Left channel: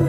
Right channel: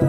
Now,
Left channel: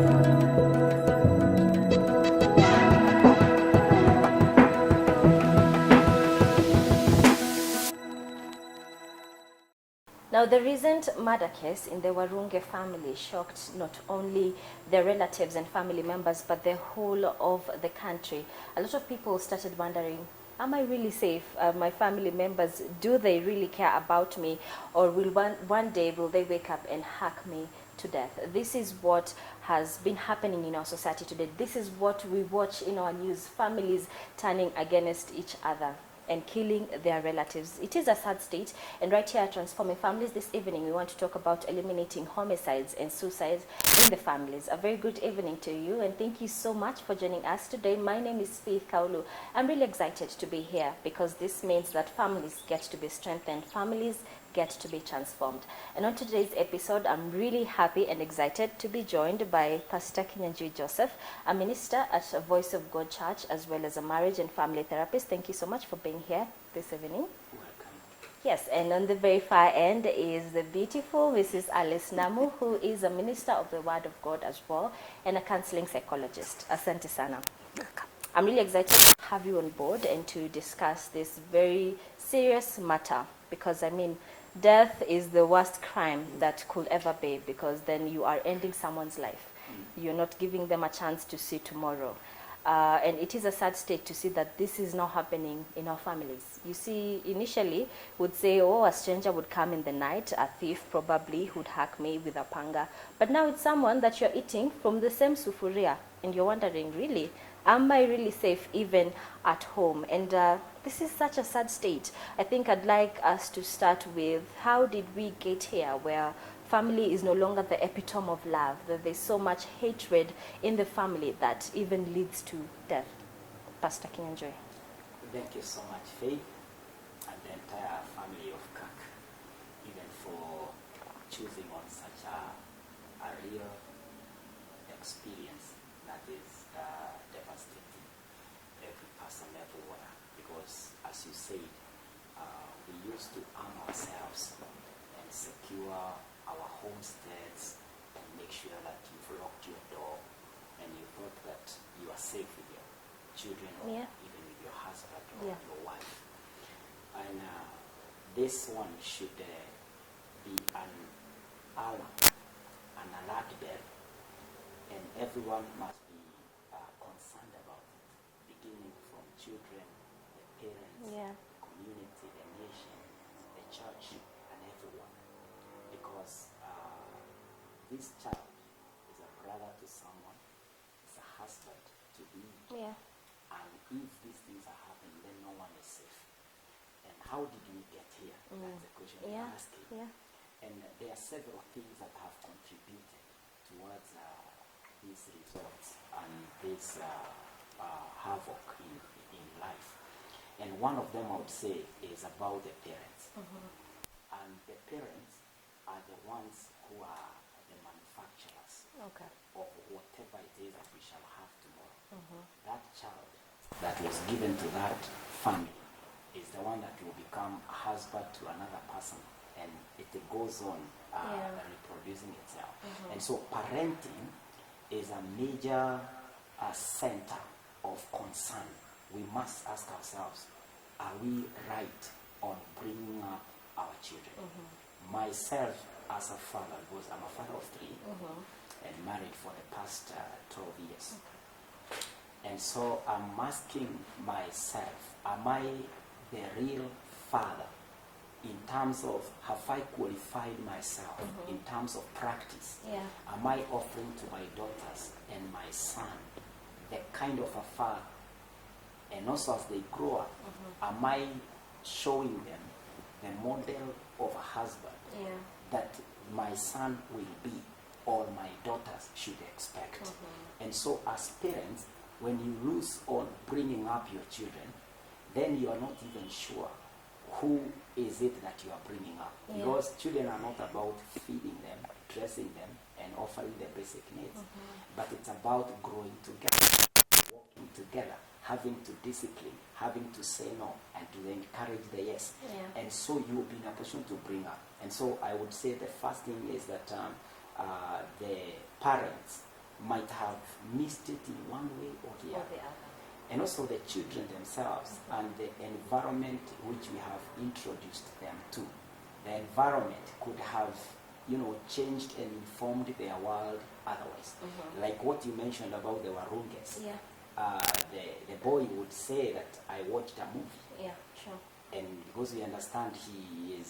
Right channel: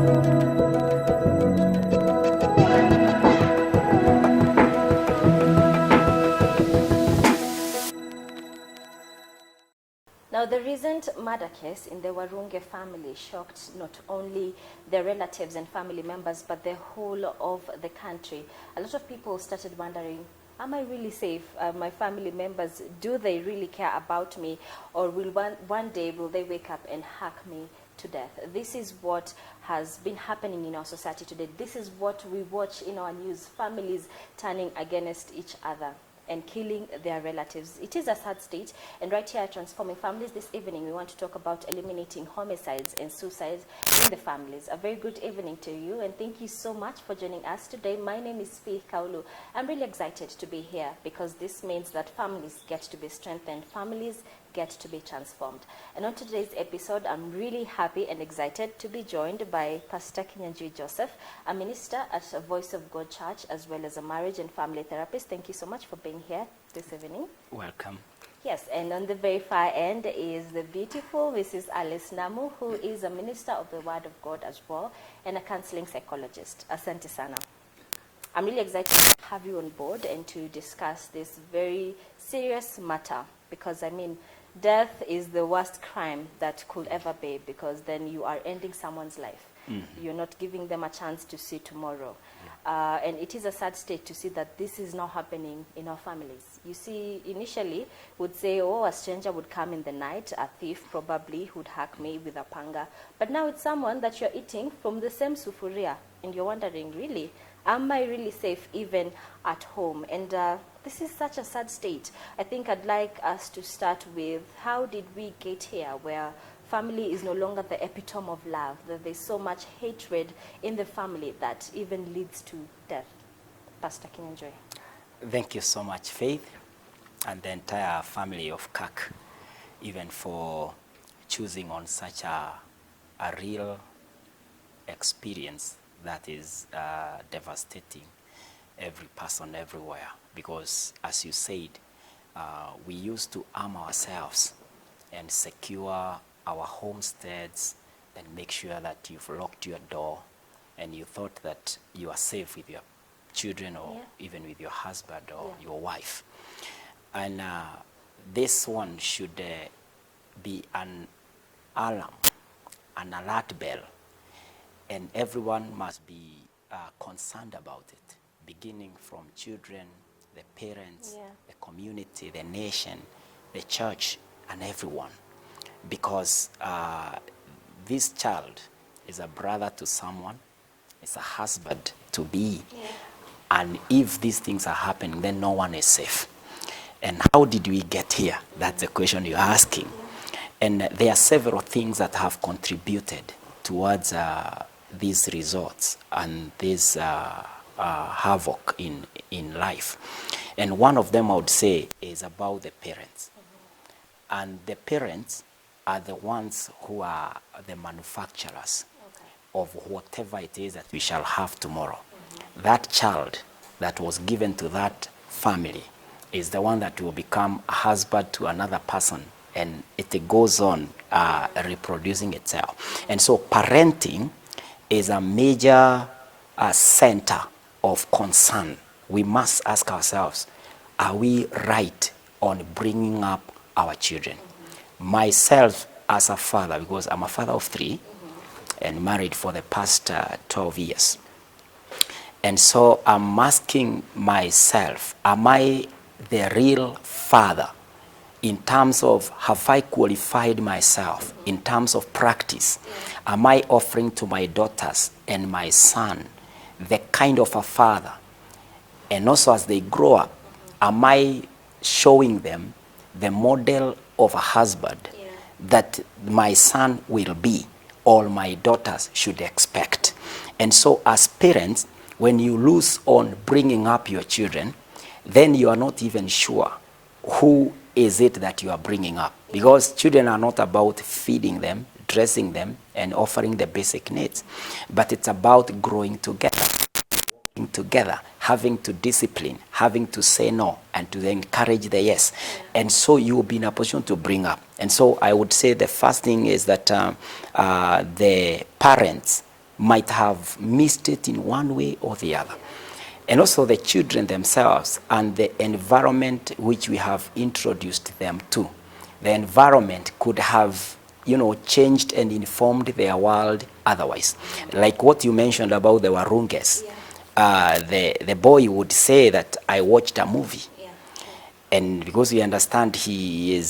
the recent murder case in the Warunge family shocked not only their relatives and family members, but the whole of the country. A lot of people started wondering, am I really safe? My family members, do they really care about me? Or will one day will they wake up and hack me to death? This is what has been happening in our society today. This is what we watch in our news, families turning against each other and killing their relatives. It is a sad state, and right here at Transforming Families this evening, we want to talk about eliminating homicides and suicides in the families. A very good evening to you, and thank you so much for joining us today. My name is Faith Kaulu. I'm really excited to be here because this means that families get to be strengthened, families get to be transformed. And on today's episode, I'm really happy and excited to be joined by Pastor Kinyanjui Joseph, a minister at Voice of God Church, as well as a marriage and family therapist. Thank you so much for being here this evening. Welcome. Yes, and on the very far end is the beautiful Mrs. Alice Namu, who is a minister of the Word of God as well, and a counseling psychologist. Asante sana. I'm really excited to have you on board and to discuss this very serious matter, because I mean, death is the worst crime that could ever be, because then you are ending someone's life. You're not giving them a chance to see tomorrow. And it is a sad state to see that this is now happening in our families. You see, initially would say, oh, a stranger would come in the night, a thief probably would hack me with a panga. But now it's someone that you're eating from the same sufuria, and you're wondering, really, am I really safe even at home? And this is such a sad state. I think I'd like us to start with, how did we get here where family is no longer the epitome of love, that there's so much hatred in the family that even leads to death? Pastor Kinyanjui. Thank you so much, Faith, and the entire family of CAC, even for choosing on such a real experience that is devastating every person everywhere. Because as you said, we used to arm ourselves and secure our homesteads and make sure that you've locked your door and you thought that you are safe with your children or even with your husband or your wife. And this one should be an alarm, an alert bell, and everyone must be concerned about it, beginning from children, the parents, the community, the nation, the church, and everyone. Because this child is a brother to someone, is a husband to be, and if these things are happening, then no one is safe. And how did we get here? That's the question you're asking. And there are several things that have contributed towards these results and this havoc in life. And one of them, I would say, is about the parents. And the parents are the ones who are the manufacturers of whatever it is that we shall have tomorrow. That child that was given to that family is the one that will become a husband to another person, and it goes on reproducing itself. And so parenting is a major center of concern. We must ask ourselves, are we right on bringing up our children? Myself as a father, because I'm a father of 3 and married for the past 12 years. And so I'm asking myself, am I the real father in terms of, have I qualified myself in terms of practice? Am I offering to my daughters and my son the kind of a father? And also as they grow up, am I showing them the model of a husband that my son will be, or my daughters should expect? And so as parents, when you lose on bringing up your children, then you are not even sure who is it that you are bringing up. Because children are not about feeding them, dressing them, and offering the basic needs. But it's about growing together, working together, having to discipline, having to say no, and to encourage the yes. And so you will be in a position to bring up. And so I would say the first thing is that the parents might have missed it in one way or the other. And also the children themselves and the environment which we have introduced them to. The environment could have, you know, changed and informed their world otherwise. Like what you mentioned about the Warunges. The boy would say that I watched a movie. And because we understand he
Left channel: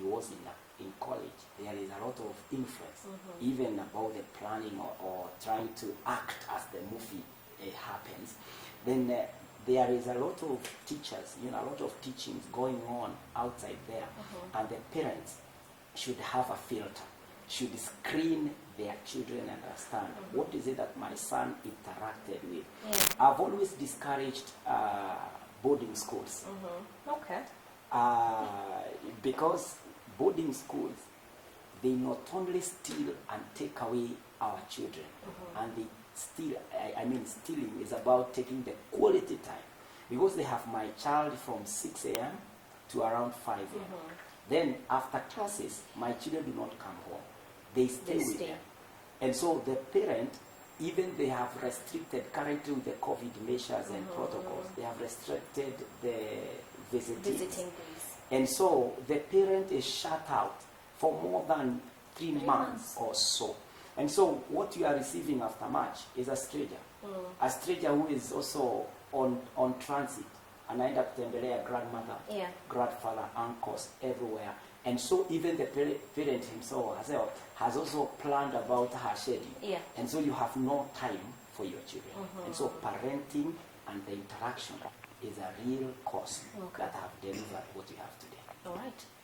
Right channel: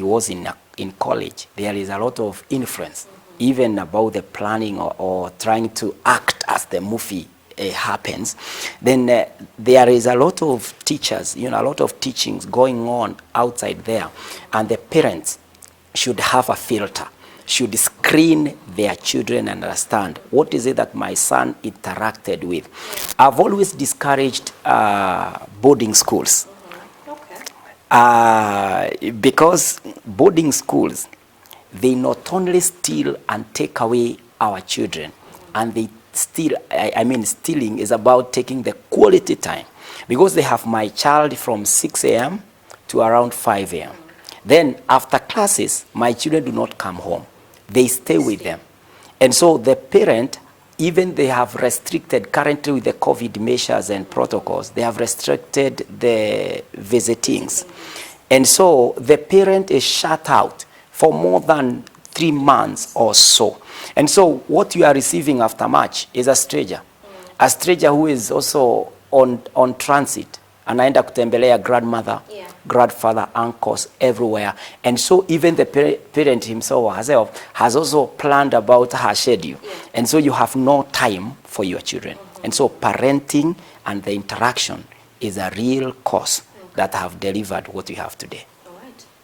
was in college, there is a lot of influence, even about the planning or trying to act as the movie happens. Then there is a lot of teachers, you know, a lot of teachings going on outside there, and the parents should have a filter, should screen their children and understand what is it that my son interacted with. I've always discouraged boarding schools. Because boarding schools, they not only steal and take away our children, and they steal, I mean stealing is about taking the quality time, because they have my child from 6 a.m. to around 5 a.m. Then after classes, my children do not come home. They stay with them. And so the parent, even they have restricted, currently with the COVID measures and protocols, they have restricted the visitings. And so the parent is shut out for more than 3 months or so. And so what you are receiving after March is a stranger who is also on transit. Anaenda kutembelea grandmother, grandfather, uncles, everywhere. And so even the parent himself or herself has also planned about her schedule. And so you have no time for your children. And so parenting and the interaction is a real cause that have delivered what we have today.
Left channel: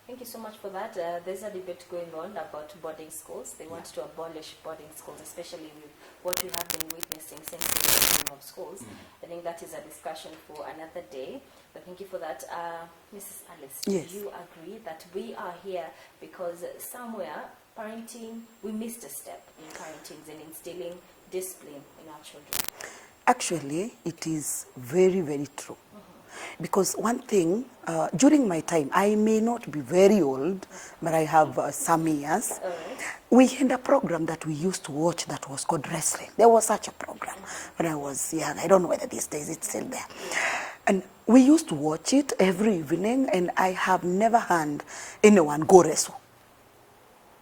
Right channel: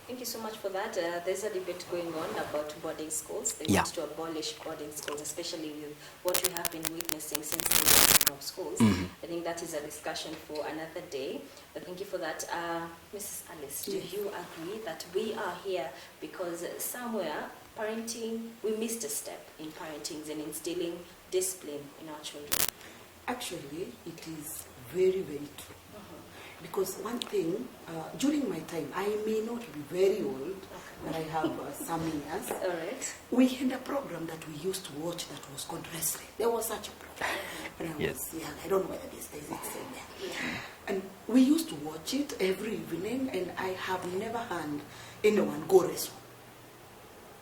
Thank you so much for that. There's a debate going on about boarding schools. They want to abolish boarding schools, especially with what we have been witnessing since the opening of schools. I think that is a discussion for another day. But thank you for that. Mrs. Alice, do you agree that we are here because somewhere parenting, we missed a step in parenting and instilling discipline in our children? Actually, it is very, very true. Because one thing, during my time, I may not be very old, but I have some years. We had a program that we used to watch that was called wrestling. There was such a program when I was young. I don't know whether these days it's still there. And we used to watch it every evening, and I have never heard anyone go wrestle.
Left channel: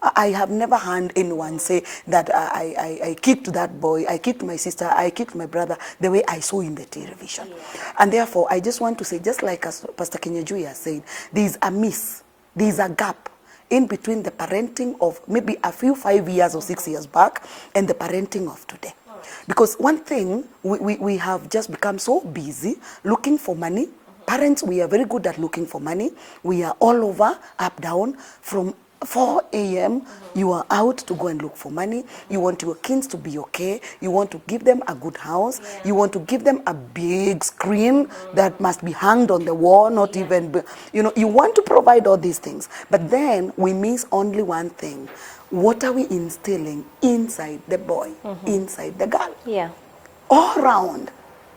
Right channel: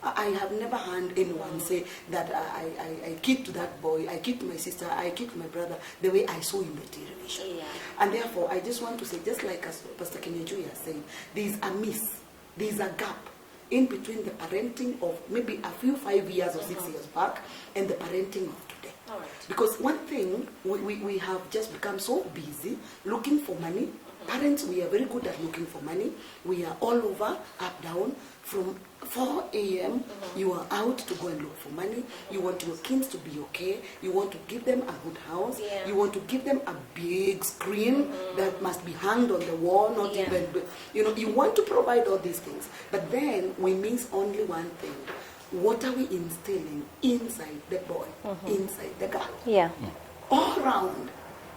I have never heard anyone say that I kicked that boy, I kicked my sister, I kicked my brother the way I saw in the television. And therefore, I just want to say, just like as Pastor Kenyajui has said, there is a miss, there is a gap in between the parenting of maybe a few 5 years or 6 years back and the parenting of today. Because one thing, we have just become so busy looking for money. Parents, we are very good at looking for money. We are all over, up, down, from 4 a.m. You are out to go and look for money. You want your kids to be okay. You want to give them a good house. You want to give them a big screen that must be hung on the wall, not even, you know, you want to provide all these things. But then we miss only one thing. What are we instilling inside the boy, inside the girl? All around.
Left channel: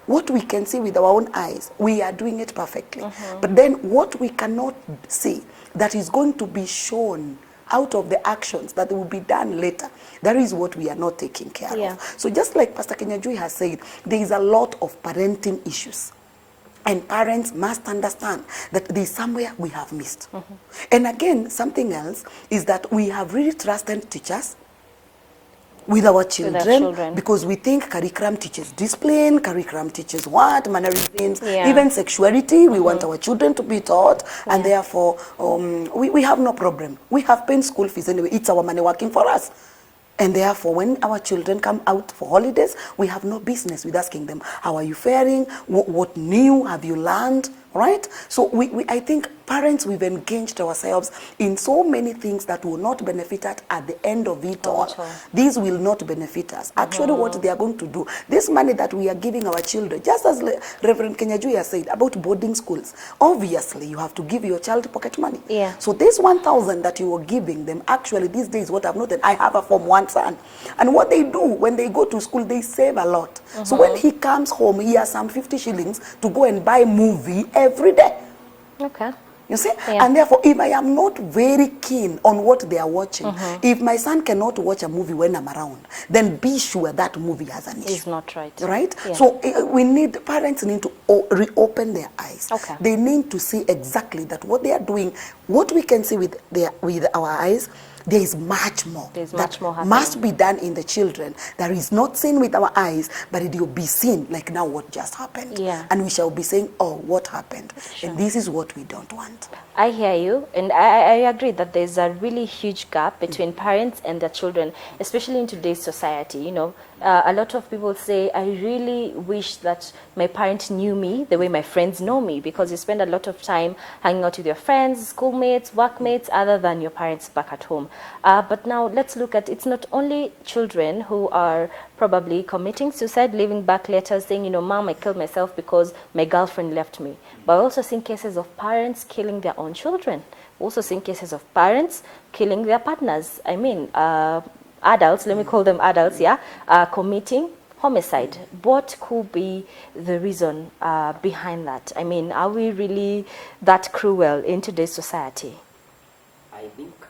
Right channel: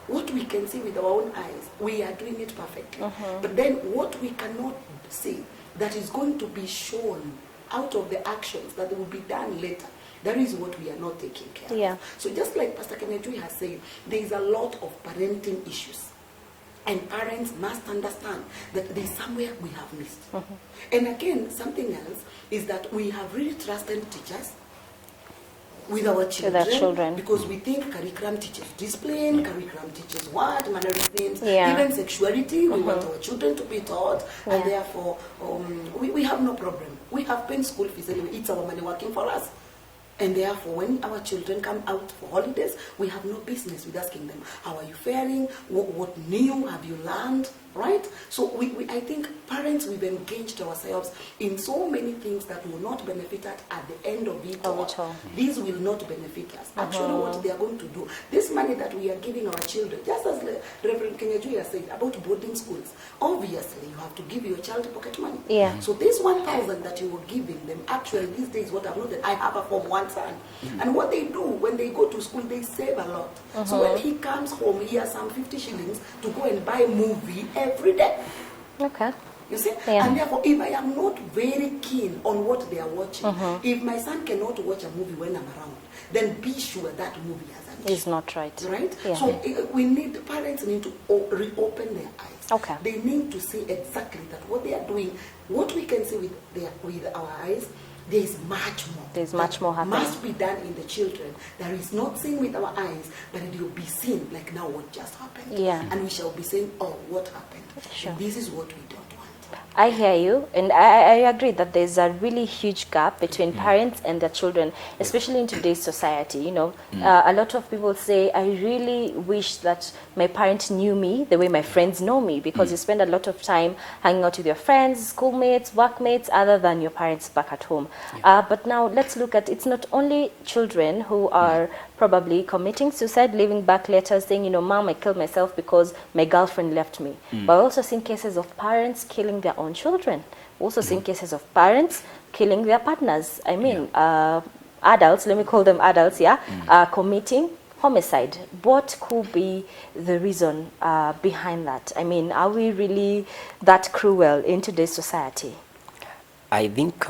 What we can see with our own eyes, we are doing it perfectly. But then what we cannot see, that is going to be shown out of the actions that will be done later, that is what we are not taking care of. So just like Pastor Kenyajui has said, there is a lot of parenting issues. And parents must understand that there is somewhere we have missed. And again, something else is that we have really trusted teachers with our children, because we think curriculum teaches discipline, curriculum teaches what, mannerisms, even sexuality. We want our children to be taught, and therefore we have no problem. We have paid school fees anyway. It's our money working for us. And therefore, when our children come out for holidays, we have no business with asking them, how are you faring? What new have you learned? Right? So I think parents, we've engaged ourselves in so many things that will not benefit us at the end of it all. These will not benefit us. Actually, what they are going to do, this money that we are giving our children, just as Reverend Kenyajui has said about boarding schools, obviously you have to give your child pocket money. So this 1,000 that you are giving them, actually these days what I've noted, I have a Form 1 son. And what they do when they go to school, they save a lot. So when he comes home, he has some 50 shillings to go and buy movie every day. You see? Yeah. And therefore, if I am not very keen on what they are watching, if my son cannot watch a movie when I'm around, then be sure that movie has an issue. It's not right. Right? Yeah. So parents need to reopen their eyes. Okay. They need to see exactly that what they are doing, what we can see with our eyes, there is much more. There's much more happening. Must be done in the children. That is not seen with our eyes, but it will be seen like now what just happened. Yeah. And we shall be saying, oh, what happened? Sure. And this is what we don't want. I hear you, and I agree that there's a really huge gap between parents and their children, especially in today's society. You know, a lot of people say, I really wish that my parent knew me the way my friends know me, because you spend a lot of time hanging out with your friends, schoolmates, workmates, other than your parents back at home. But now let's look at, it's not only children who are probably committing suicide, leaving back letters saying, you know, Mom, I killed myself because my girlfriend left me. But I've also seen cases of parents killing their own children. We've also seen cases of parents killing their partners. I mean, adults, let me call them adults, committing homicide. What could be the reason behind that? I mean, are we really that cruel in today's society? I think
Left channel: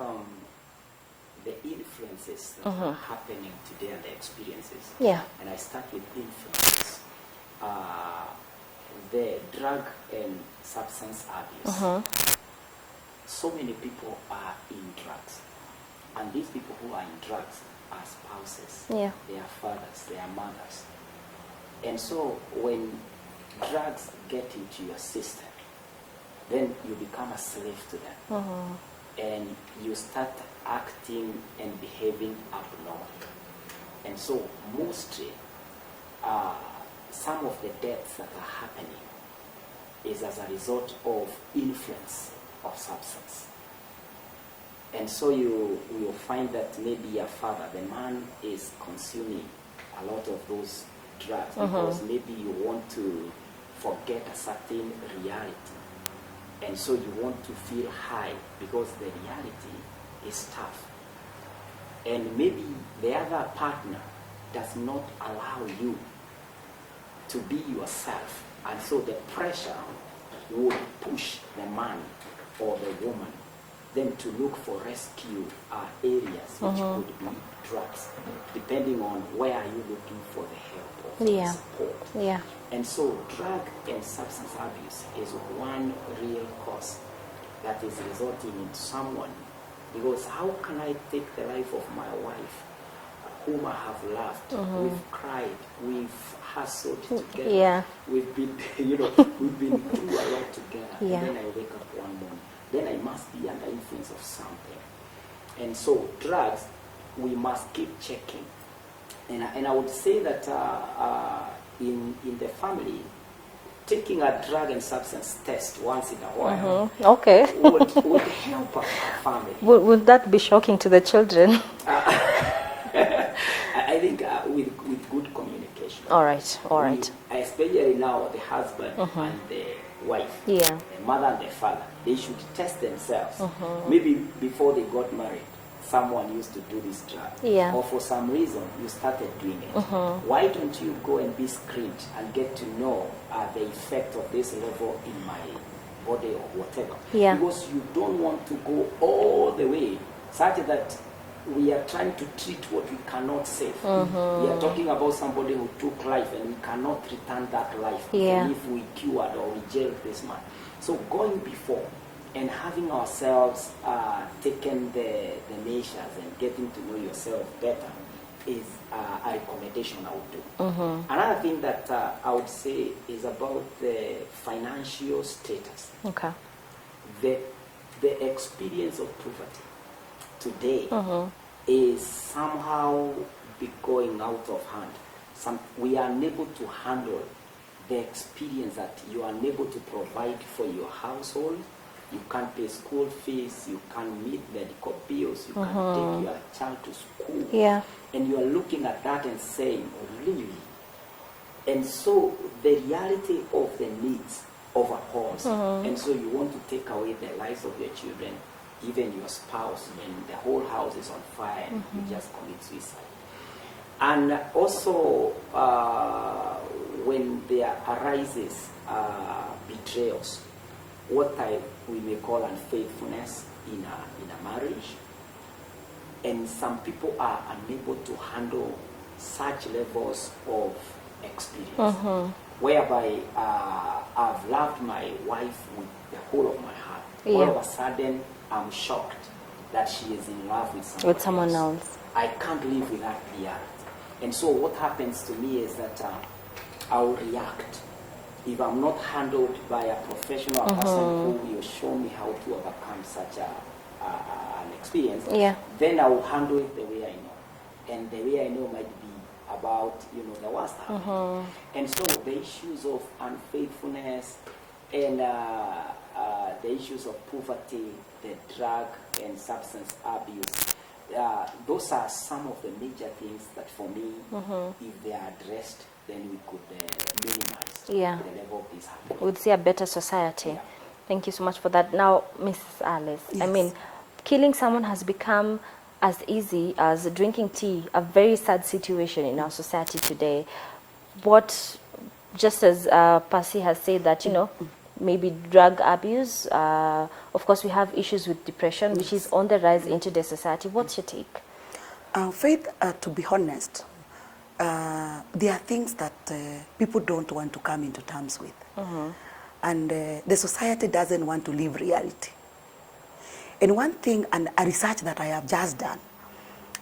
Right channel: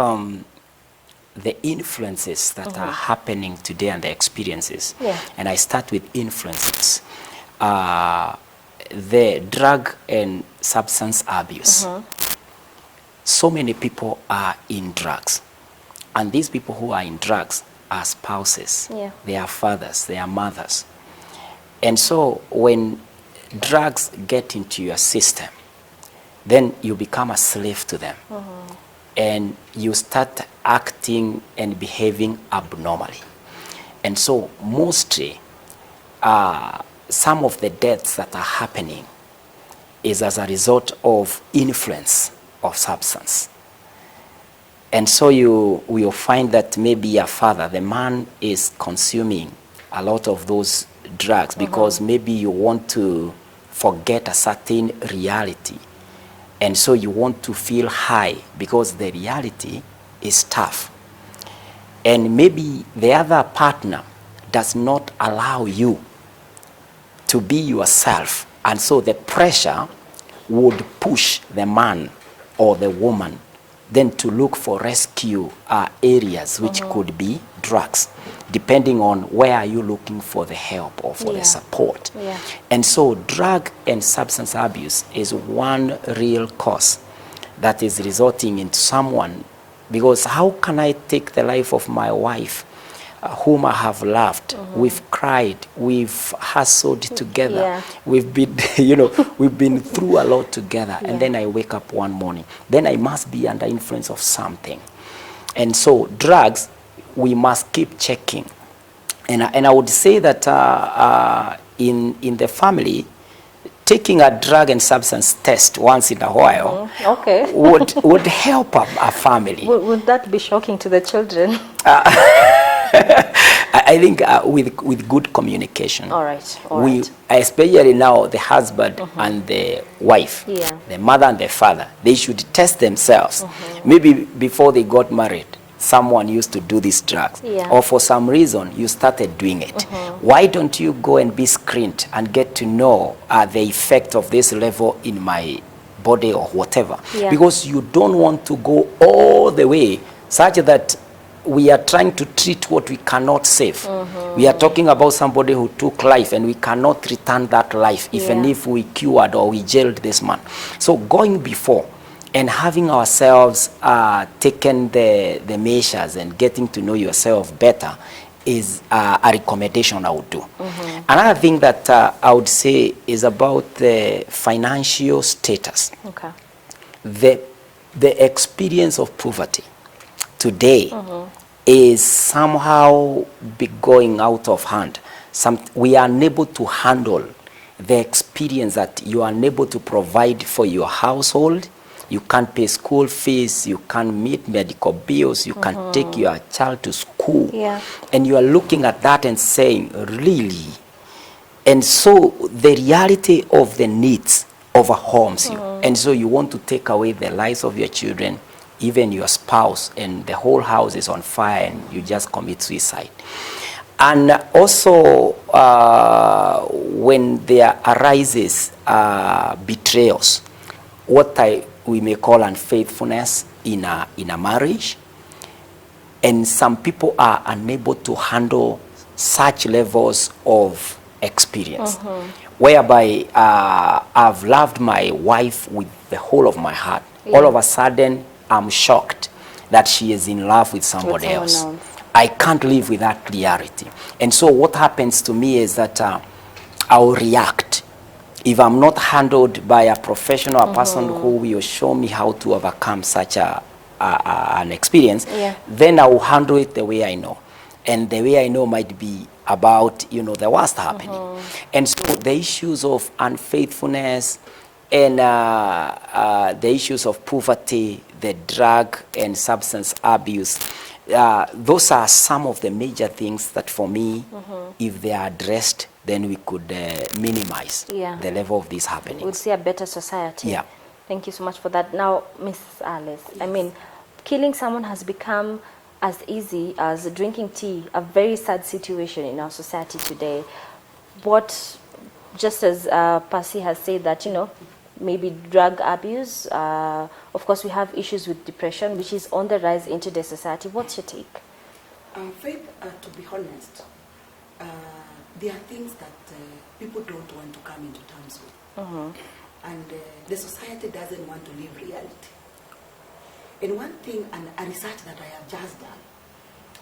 the influences that are happening today and the experiences, and I start with influences, the drug and substance abuse. So many people are in drugs, and these people who are in drugs are spouses, they are fathers, they are mothers. And so when drugs get into your system, then you become a slave to them. And you start acting and behaving abnormally. And so mostly, some of the deaths that are happening is as a result of influence of substance. And so you will find that maybe a father, the man is consuming a lot of those drugs because maybe you want to forget a certain reality. And so you want to feel high because the reality is tough. And maybe the other partner does not allow you to be yourself. And so the pressure would push the man or the woman then to look for rescue areas, which could be drugs, depending on where are you looking for the help or for the support. And so drug and substance abuse is one real cause that is resulting in someone, because how can I take the life of my wife, whom I have loved? We've cried, we've hustled together, we've been, you know, we've been through a lot together, and then I wake up one morning, then I must be under influence of something. And so drugs, we must keep checking. And I would say that in the family, taking a drug and substance test once in a while would help a family. Would that be shocking to the children? I think with good communication. All right. Especially now, the husband and the wife, the mother and the father, they should test themselves. Maybe before they got married, someone used to do these drugs, or for some reason you started doing it. Why don't you go and be screened and get to know the effect of this level in my body or whatever? Because you don't want to go all the way such that we are trying to treat what we cannot save. We are talking about somebody who took life and we cannot return that life, even if we cured or we jailed this man. So going before and having ourselves taken the measures and getting to know yourself better is a recommendation I would do. Another thing that I would say is about the financial status. The experience of poverty today is somehow be going out of hand. We are unable to handle the experience that you are unable to provide for your household. You can't pay school fees, you can't meet medical bills, you can't take your child to school. And you are looking at that and saying, really? And so the reality of the needs overwhelms you. And so you want to take away the lives of your children, even your spouse, and the whole house is on fire and you just commit suicide. And also when there arises betrayals what we may call unfaithfulness in a marriage, and some people are unable to handle such levels of experience, whereby I've loved my wife with the whole of my heart. Yeah. All of a sudden, I'm shocked that she is in love with somebody someone else. else. I can't live with that reality. And so what happens to me is that I'll react. If I'm not handled by a professional, a person who will show me how to overcome such an experience, Yeah. then I will handle it the way I know. And the way I know might be about, the worst happening. And so the issues of unfaithfulness and the issues of poverty, the drug and substance abuse, those are some of the major things that for me, if they are addressed, then we could minimize Yeah. the level of these happenings. We'd see a better society. Yeah. Thank you so much for that. Now, Mrs. Alice, I Yes. mean, killing someone has become as easy as drinking tea, a very sad situation in our society today. What, just as Percy has said that, maybe drug abuse, of course we have issues with depression, which is on the rise into the society. What's your take? Faith, to be honest, there are things that people don't want to come into terms with. And the society doesn't want to live reality. And one thing, and a research that I have just done,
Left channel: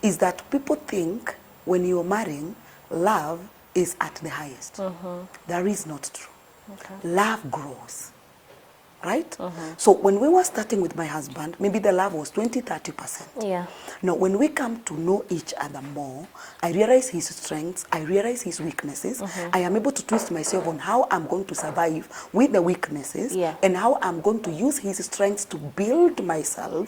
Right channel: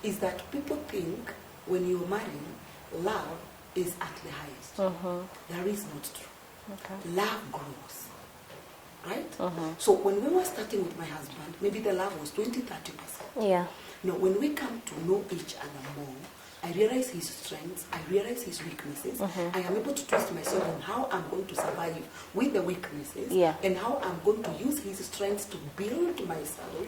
is that people think when you're marrying, love is at the highest. That is not true. Okay. Love grows, right? So when we were starting with my husband, maybe the love was 20-30%. Yeah. Now, when we come to know each other more, I realize his strengths, I realize his weaknesses. I am able to twist myself on how I'm going to survive with the weaknesses, Yeah. and how I'm going to use his strengths to build myself.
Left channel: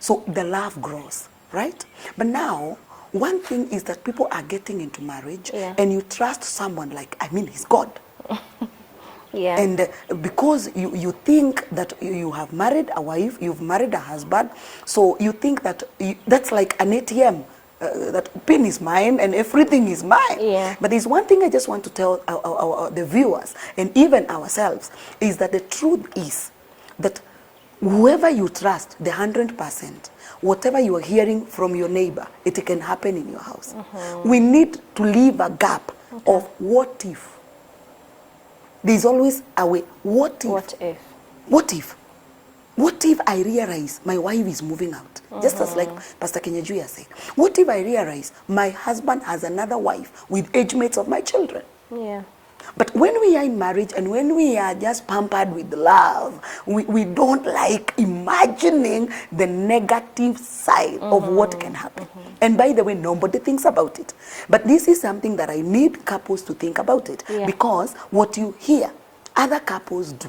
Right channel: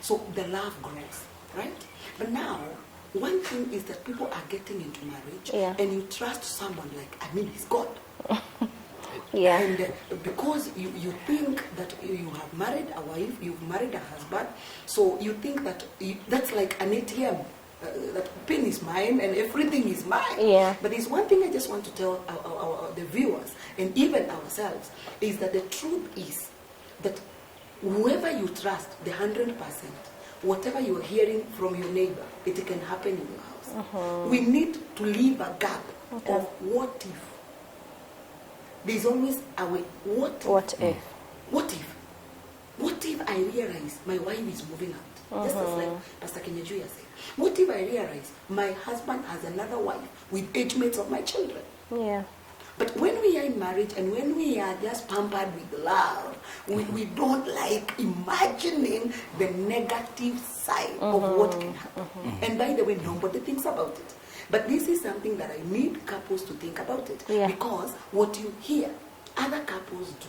So the love grows, right? But now, one thing is that people are getting into marriage, Yeah. and you trust someone like, he's God. Yeah. And because you think that you have married a wife, you've married a husband, so you think that that's like an ATM. That pin is mine and everything is mine. Yeah. But there's one thing I just want to tell the viewers and even ourselves, is that the truth is that whoever you trust, the 100%, whatever you are hearing from your neighbor, it can happen in your house. We need to leave a gap of what if. There's always a way. What if? What if? What if? What if I realize my wife is moving out? Just as like Pastor Kenyejuya said. What if I realize my husband has another wife with age mates of my children? Yeah. But when we are in marriage and when we are just pampered with love, we don't like imagining the negative side of what can happen. And by the way, nobody thinks about it. But this is something that I need couples to think about it. Yeah. Because what you hear other couples do,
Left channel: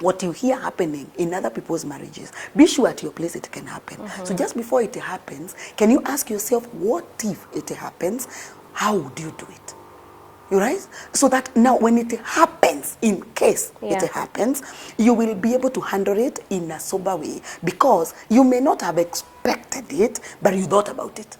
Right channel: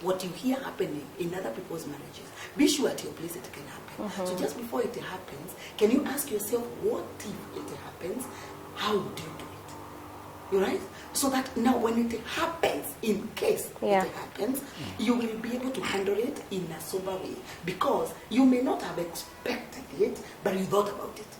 what you hear happening in other people's marriages, be sure at your place it can happen. So just before it happens, can you ask yourself, what if it happens? How would you do it? You right? So that now when it happens, in case Yeah. it happens, you will be able to handle it in a sober way, because you may not have expected it, but you thought about it.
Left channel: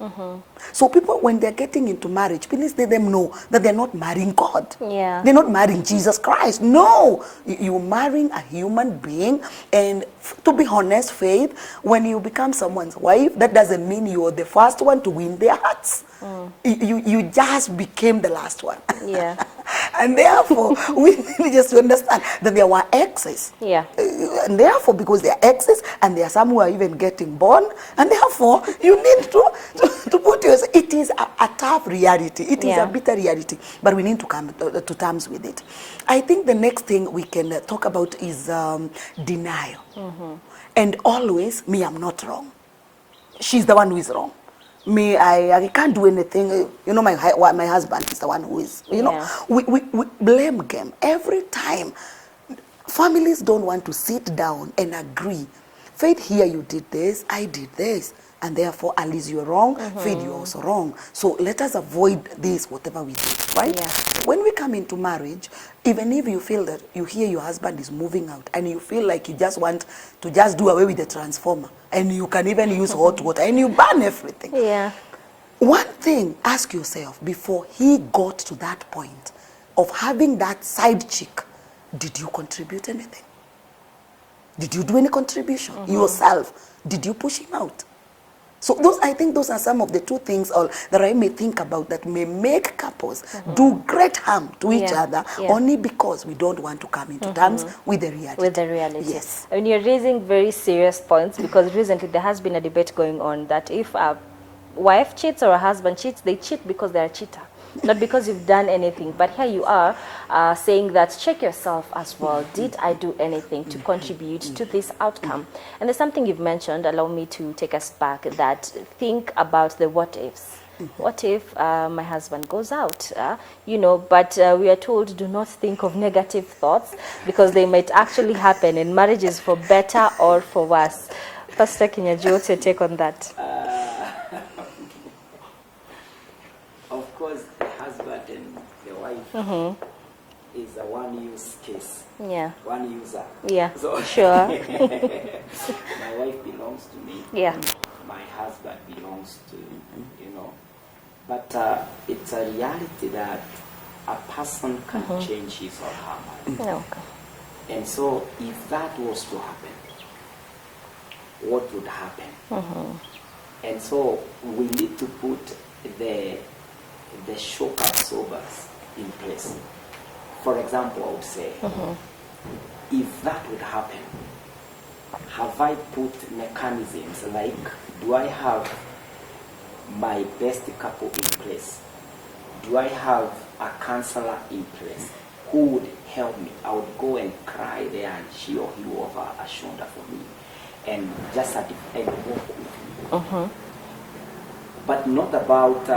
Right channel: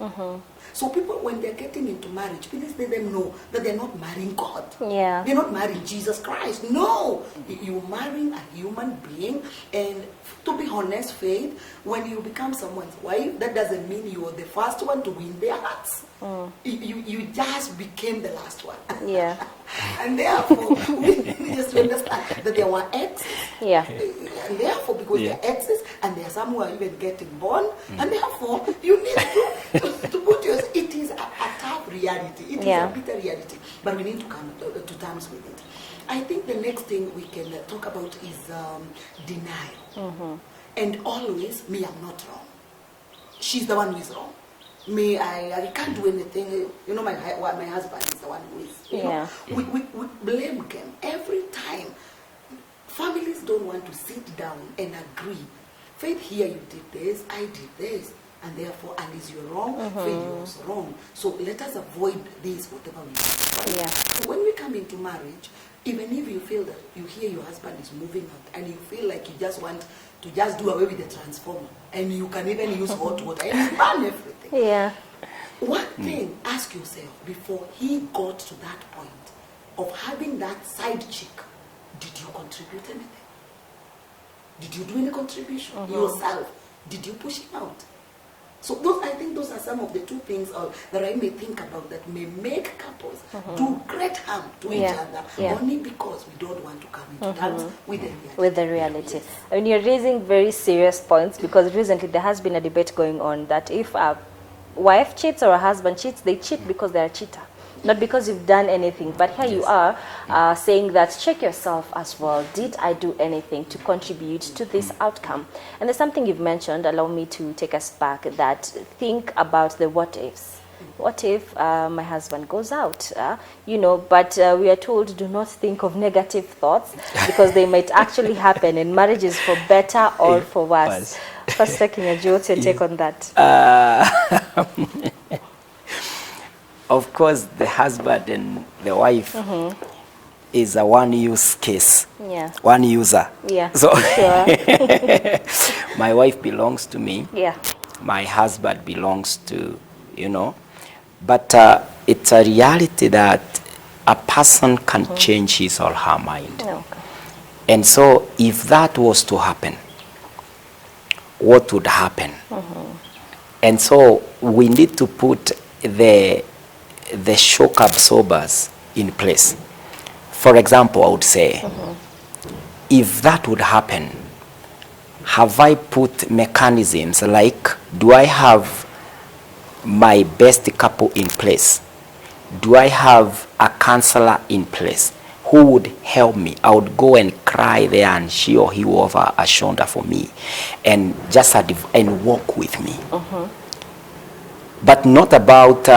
So people, when they're getting into marriage, please let them know that they're not marrying God. Yeah. They're not marrying Jesus Christ. No, you're marrying a human being. And to be honest, Faith, when you become someone's wife, that doesn't mean you're the first one to win their hearts. You just became the last one. Yeah. And therefore, we need just to understand that there were exes. Yeah. And therefore, because they are exes, and there are some who are even getting born, and therefore, you need to put yourself. It is a tough reality. It is Yeah. a bitter reality, but we need to come to terms with it. I think the next thing we can talk about is denial. And always, me, I'm not wrong. She's the one who is wrong. Me, I can't do anything. You know, my husband is the one who is. You know, we blame game every time. Families don't want to sit down and agree. Faith, here you did this, I did this, and therefore, Alice, you're wrong. Faith, you're also wrong. So let us avoid this, whatever we do, right? Yeah. When we come into marriage, even if you feel that you hear your husband is moving out and you feel like you just want to just do away with the transformer, and you can even use hot water and you burn everything. Yeah. One thing, ask yourself, before he got to that point of having that side chick, did you contribute anything? Did you do any contribution? Yourself, did you push him out? So I think those are some of the two things that I may think about that may make couples do great harm to each other only because we don't want to come into terms with the reality. With the reality. Yes. I mean, you're raising very serious points, because recently there has been a debate going on that if a wife cheats or a husband cheats, they cheat because they're a cheater, not because you've done anything. But here you are saying that check yourself as well. Did I do anything to contribute to this outcome? And there's something you've mentioned, allow me to take us back, that think about the what ifs. What if my husband goes out? You know, but we are told do not think of negative thoughts, because they might actually happen in marriages, for better or for worse. Pastor Kinyaju, what's your take on that? Of course, the husband and the wife is a one-use case. Yeah. One user. Yeah, So sure. my wife belongs to me. Yeah. My husband belongs to, you know. But it's a reality that a person can change his or her mind. Okay. And so if that was to happen, what would happen? And so we need to put the shock absorbers in place. For example, I would say, if that would happen, have I put mechanisms like, do I have my best couple in place? Do I have a counselor in place who would help me? I would go and cry there, and she or he will offer a shoulder for me and just and walk with me. But not about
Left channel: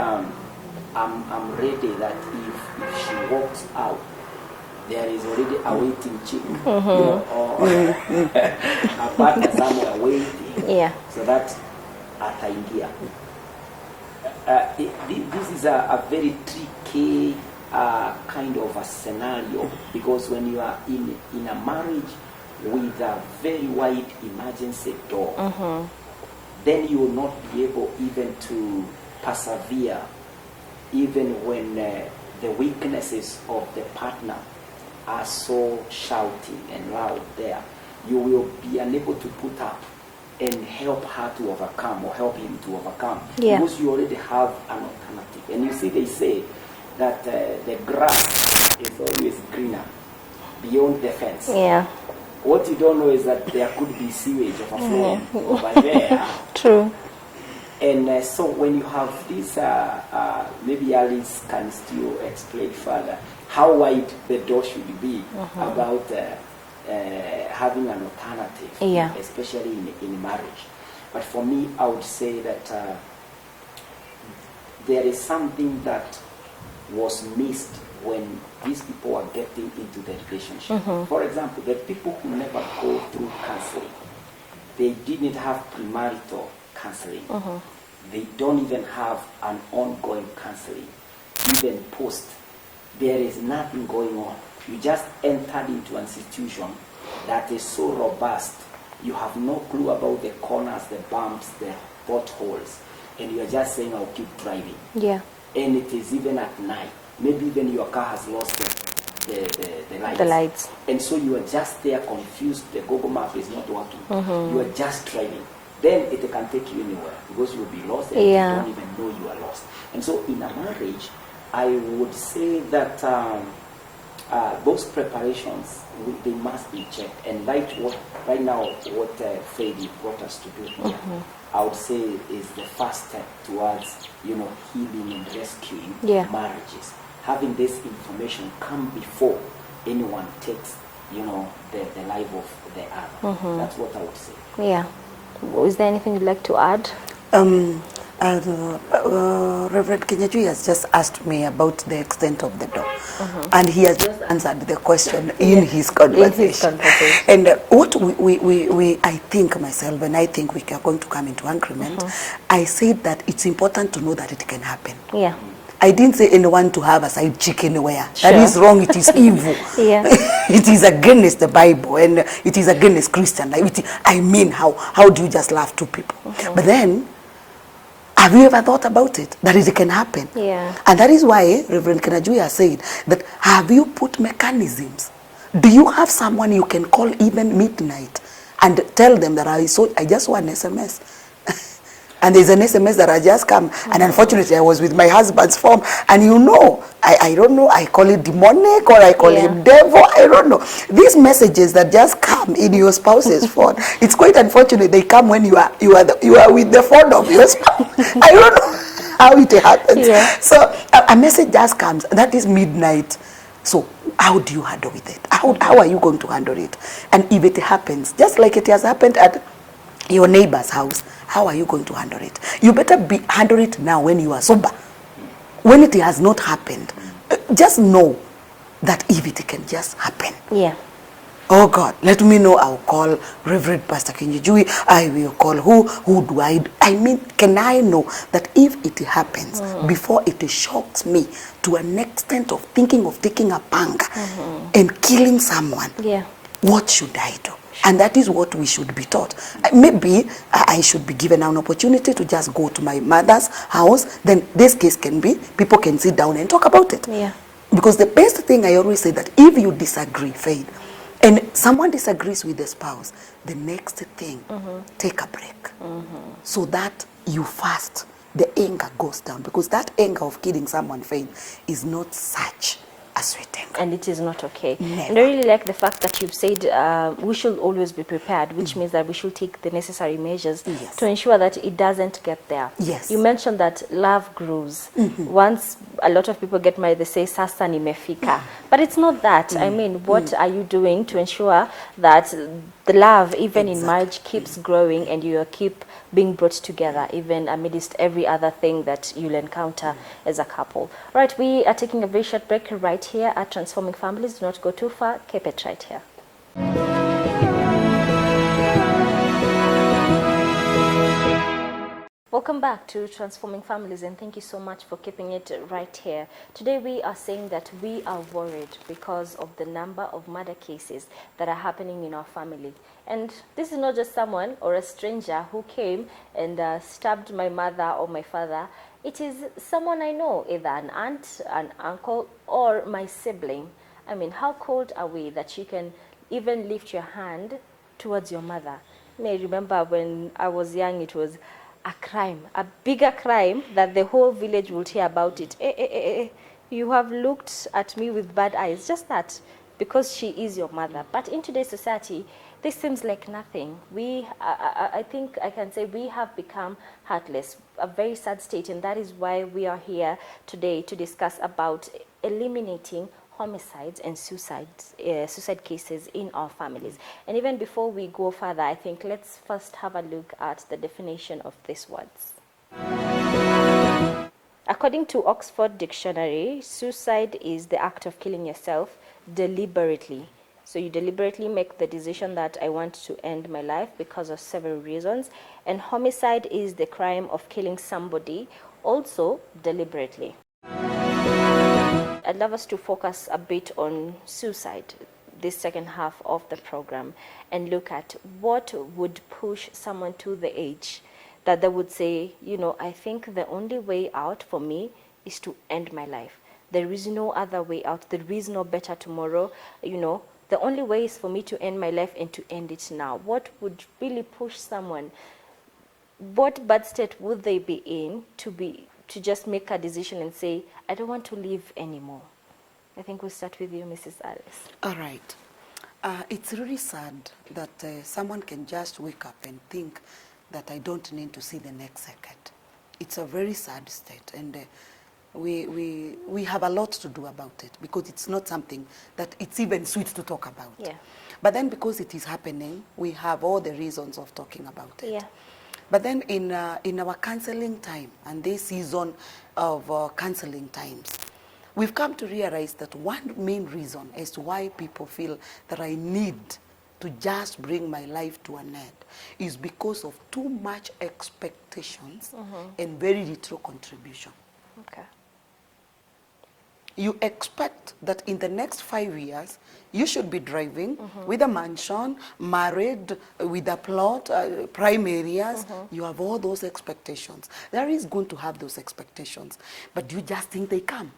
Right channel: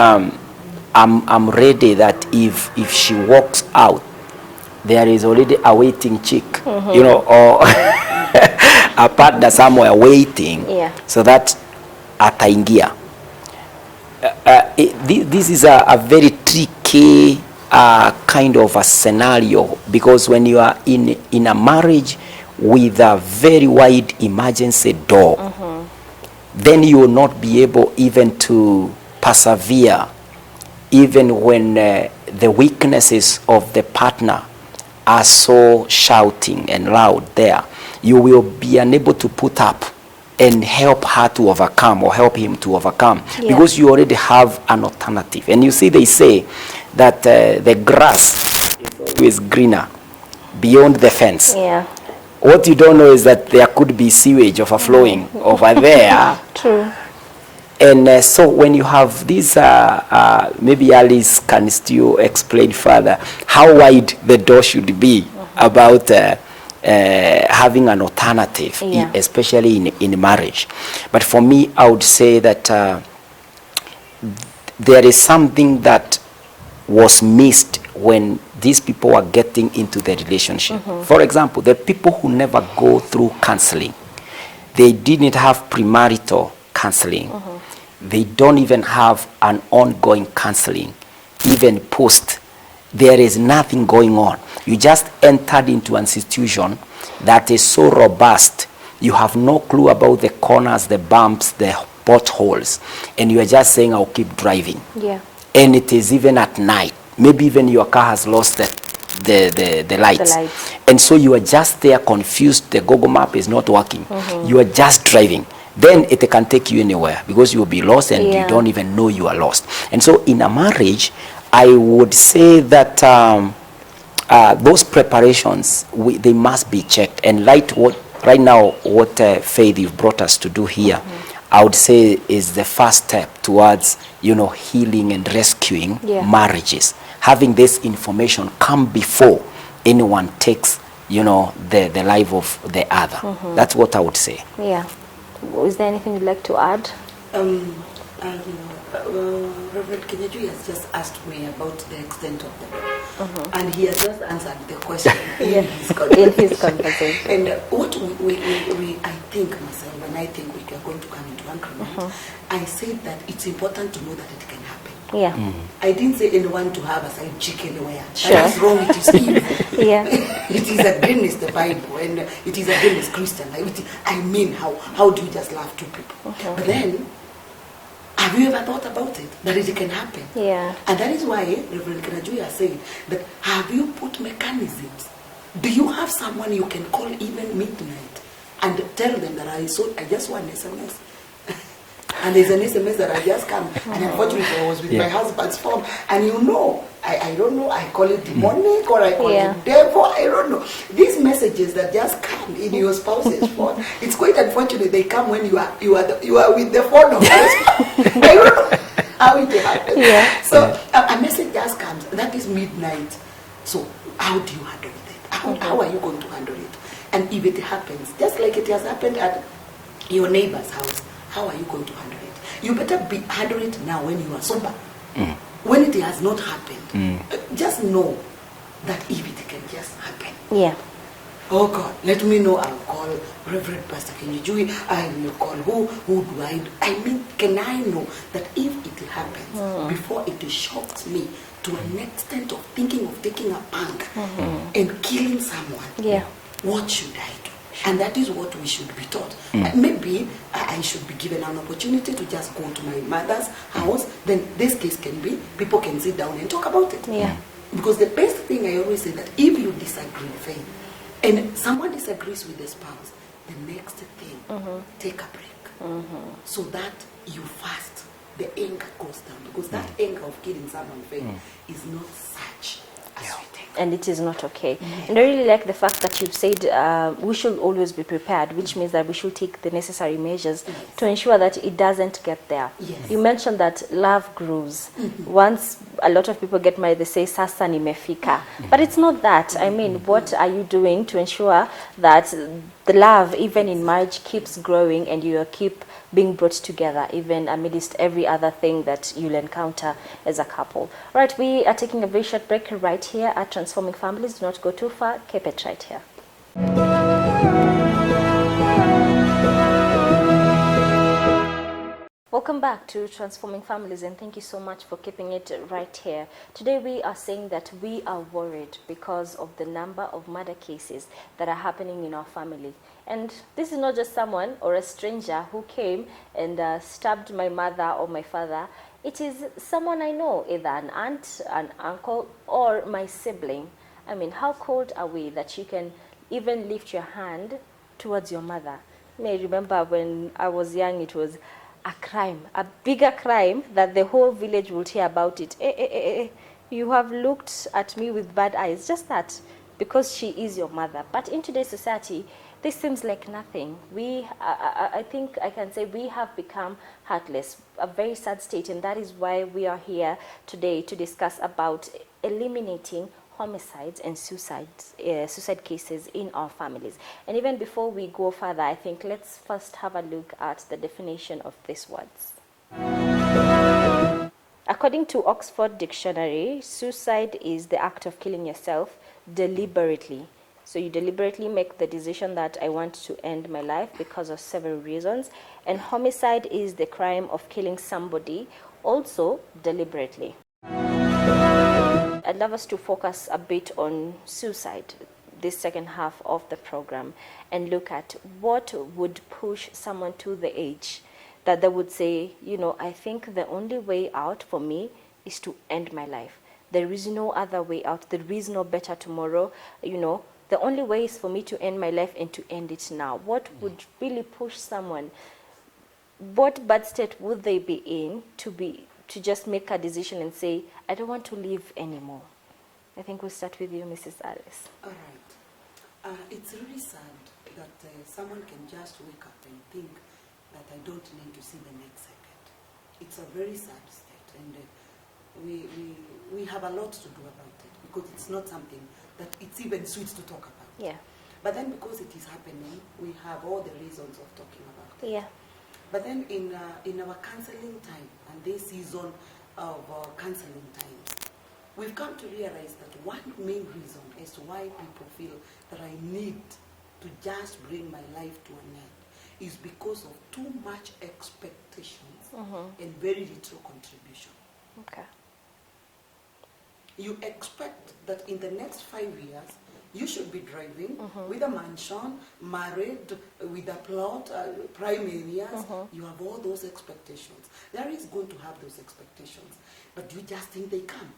I'm ready that if she walks out, there is already a waiting chick, you know, or a partner somewhere waiting, so that ataingia. This is a very tricky kind of a scenario, because when you are in a marriage with a very wide emergency door, then you will not be able even to persevere, even when the weaknesses of the partner are so shouting and loud there. You will be unable to put up and help her to overcome, or help him to overcome, because you already have an alternative. And you see, they say that the grass is always greener beyond the fence. Yeah. What you don't know is that there could be sewage overflowing over there. True. And so when you have these, maybe Alice can still explain further how wide the door should be about having an alternative, especially in marriage. But for me, I would say that there is something that was missed when these people are getting into the relationship. For example, the people who never go through counseling, they didn't have premarital counseling. They don't even have an ongoing counseling, even post. There is nothing going on. You just entered into an institution that is so robust. You have no clue about the corners, the bumps, the potholes, and you are just saying, I'll keep driving. Yeah. And it is even at night. Maybe even your car has lost the lights. The lights. And so you are just there confused. The Google map is not working. You are just driving. Then it can take you anywhere, because you will be lost and you don't even know you are lost. And so in a marriage, I would say that those preparations, they must be checked. And right now, what Faith you've brought us to do here, I would say is the first step towards, healing and rescuing marriages. Having this information come before anyone takes, the life of the other. That's what I would say. Yeah. Is there anything you'd like to add? Reverend Kinyaju has just asked me about the extent of the door, and he has just answered the question in his conversation. And what I think myself, when I think we are going to come into agreement, I said that it's important to know that it can happen. Yeah. I didn't say anyone to have a side chick anywhere. That is wrong. It is evil. It is against the Bible, and it is against Christian life. I mean, how do you just love two people? But then, have you ever thought about it? That it can happen. Yeah. And that is why Reverend Kanajuya said that, have you put mechanisms? Do you have someone you can call even midnight and tell them that I just saw an SMS. And there's an SMS that I just come, and unfortunately I was with my husband's phone, and I don't know, I call it demonic or I call it devil, I don't know. These messages that just come in your spouse's phone, it's quite unfortunate they come when you are with the phone of your spouse. I don't know how it happens. Yeah. So a message just comes, that is midnight. So how do you handle with it? How are you going to handle it? And if it happens, just like it has happened at your neighbor's house, how are you going to handle it? You better handle it now when you are sober. When it has not happened, just know that if it can just happen. Yeah. Oh God, let me know. I'll call Reverend Pastor Kinjijui. I will call who do I mean, can I know that if it happens before it shocks me to an extent of thinking of taking a pang and killing someone, what should I do? And that is what we should be taught. Maybe I should be given an opportunity to just go to my mother's house. Then this case can be, people can sit down and talk about it. Yeah. Because the best thing I always say that if you disagree, Faith, and someone disagrees with the spouse, the next thing, take a break. So that you fast, the anger goes down. Because that anger of killing someone, Faith, is not such a sweet anger. And it is not okay. Never. And I really like the fact that you've said we should always be prepared, which means that we should take the necessary measures to ensure that it doesn't get there. Yes. You mentioned that love grows. Once a lot of people get married, they say sasa nimefika. But it's not that. I mean, what are you doing to ensure that the love, even in marriage, keeps growing and you keep being brought together, even amidst every other thing that you'll encounter as a couple? All right, we are taking a very short break right here at Transforming Families. Do not go too far. Keep it right here. Welcome back to Transforming Families, and thank you so much for keeping it right here. Today we are saying that we are worried because of the number of murder cases that are happening in our family. And this is not just someone or a stranger who came and stabbed my mother or my father. It is someone I know, either an aunt, an uncle, or my sibling. I mean, how cold are we that you can even lift your hand towards your mother? I remember when I was young, it was a crime, a bigger crime that the whole village would hear about it. You have looked at me with bad eyes, just that, because she is your mother. But in today's society, this seems like nothing. I think I can say we have become heartless, a very sad state, and that is why we are here today to discuss about eliminating homicides and suicide cases in our families. And even before we go further, I think let's first have a look at the definition of these words. According to Oxford Dictionary, suicide is the act of killing yourself deliberately. So you deliberately make the decision that I want to end my life because of several reasons. And homicide is the crime of killing somebody also deliberately. I'd love us to focus a bit on suicide this second half of the program and look at what would push someone to the edge that they would say, you know, I think the only way out for me is to end my life. There is no other way out. There is no better tomorrow. You know, the only way is for me to end my life and to end it now. What would really push someone? What bad state would they be in to just make a decision and say, I don't want to live anymore? I think we'll start with you, Mrs. Alice. All right. It's really sad that someone can just wake up and think that I don't need to see the next second. It's a very sad state, and we have a lot to do about it because it's not something that it's even sweet to talk about. Yeah. But then because it is happening, we have all the reasons of talking about it. Yeah. But then in our counseling time and this season of counseling times, we've come to realize that one main reason as to why people feel that I need to just bring my life to an end is because of too much expectations and very little contribution. Okay. You expect that in the next 5 years, you should be driving with a mansion, married, with a plot, prime areas. You have all those expectations. There is going to have those expectations. But do you just think they come?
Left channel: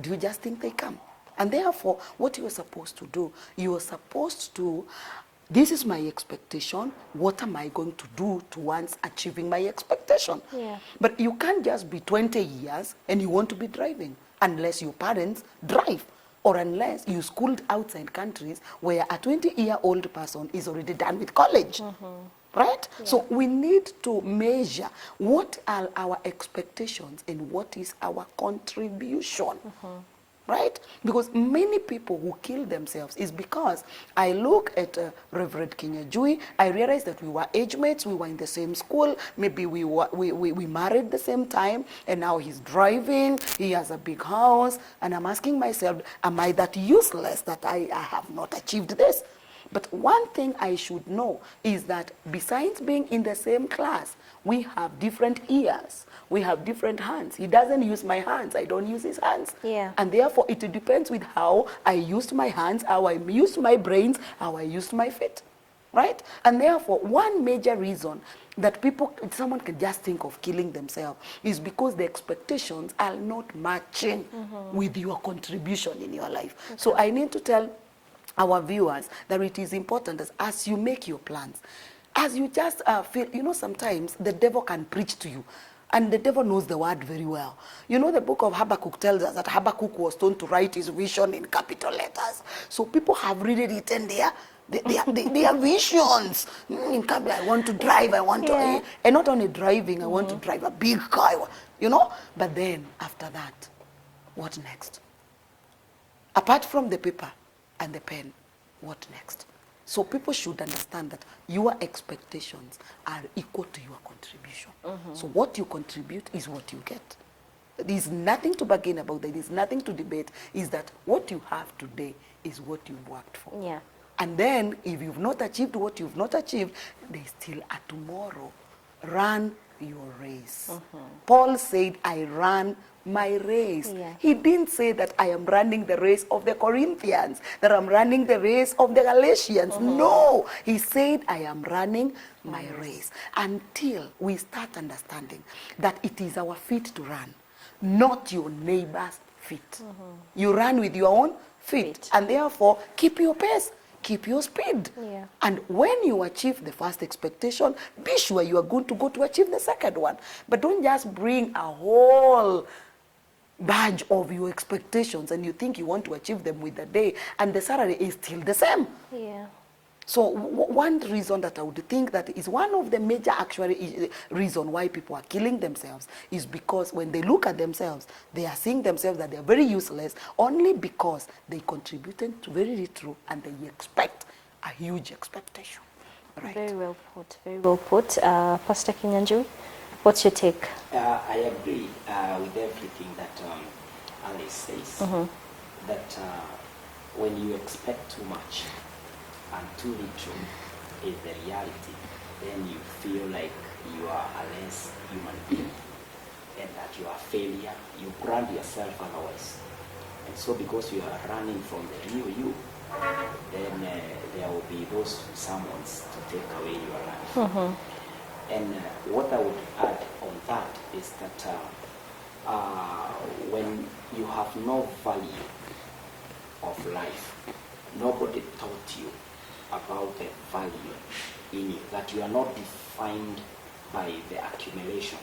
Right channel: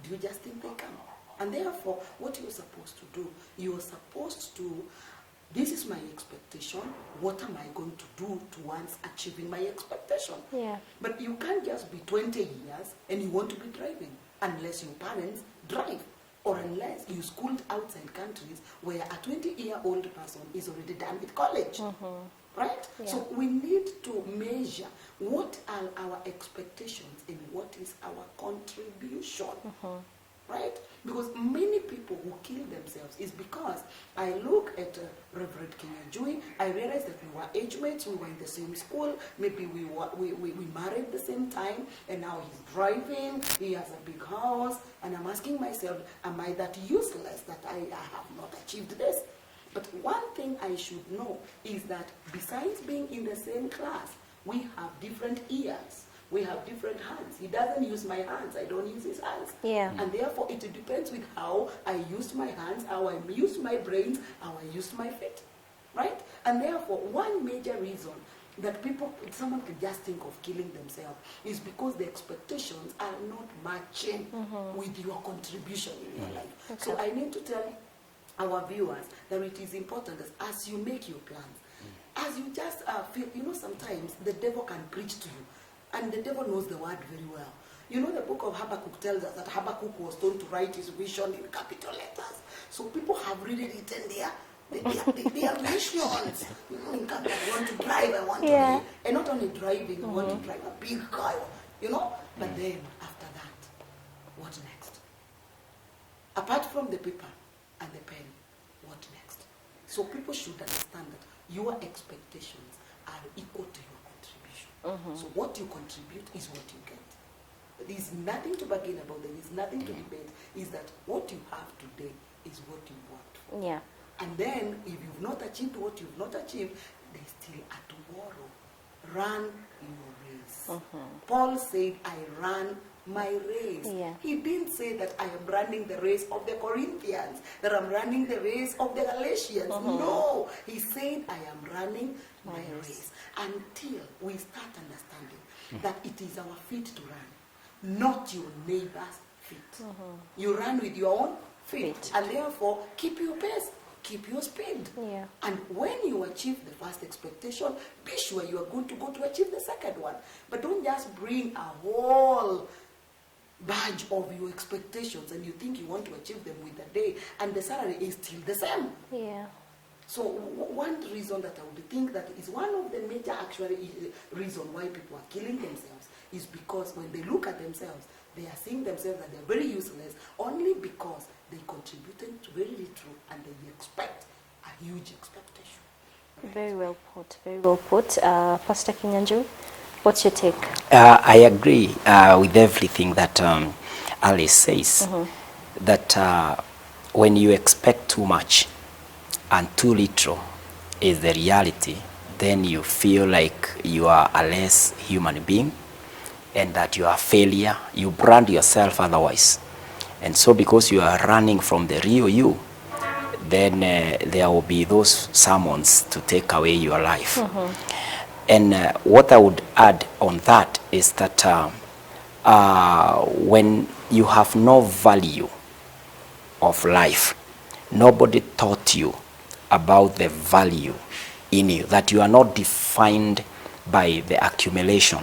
Do you just think they come? And therefore, what you are supposed to do, you are supposed to This is my expectation. What am I going to do towards achieving my expectation? Yeah. But you can't just be 20 years and you want to be driving unless your parents drive, or unless you schooled outside countries where a 20-year-old person is already done with college. Right? Yeah. So we need to measure what are our expectations and what is our contribution. Right? Because many people who kill themselves is because I look at Reverend Kinyajui, I realize that we were age mates, we were in the same school, maybe we married the same time, and now he's driving, he has a big house, and I'm asking myself, am I that useless that I have not achieved this? But one thing I should know is that besides being in the same class, we have different ears. We have different hands. He doesn't use my hands. I don't use his hands. Yeah. And therefore, it depends with how I used my hands, how I used my brains, how I used my feet. Right? And therefore, one major reason that someone can just think of killing themselves is because the expectations are not matching with your contribution in your life. Okay. So I need to tell our viewers that it is important as you make your plans, as you just feel, sometimes the devil can preach to you. And the devil knows the word very well. You know, the book of Habakkuk tells us that Habakkuk was told to write his vision in capital letters. So people have really written their visions. In capital, I want to drive, I want to, and not only driving, I want to drive a big car, But then, after that, what next? Apart from the paper and the pen, what next? So people should understand that your expectations are equal to your contribution. So what you contribute is what you get. There is nothing to bargain about. There is nothing to debate. Is that what you have today is what you've worked for. Yeah. And then if you've not achieved what you've not achieved, there's still a tomorrow. Run your race. Paul said, I ran my race. Yeah. He didn't say that I am running the race of the Corinthians, that I'm running the race of the Galatians. No, he said I am running my race, until we start understanding that it is our feet to run, not your neighbor's feet. You run with your own feet, and therefore keep your pace, keep your speed. Yeah. And when you achieve the first expectation, be sure you are good to go to achieve the second one. But don't just bring a whole badge of your expectations and you think you want to achieve them with the day, and the salary is still the same. Yeah. So one reason that I would think that is one of the major actually reason why people are killing themselves is because when they look at themselves, they are seeing themselves that they are very useless only because they contributed to very little and they expect a huge expectation. Right. Very well put. Very well put. Pastor Kinyanjui, what's your take? I agree with everything that Alice says, that when you expect too much and too little is the reality, then you feel like you are a less human being and that you are a failure. You brand yourself otherwise. And so because you are running from the real you, then there will be those sermons to take away your life. And what I would add on that is that when you have no value of life, nobody taught you about the value in you, that you are not defined by the accumulation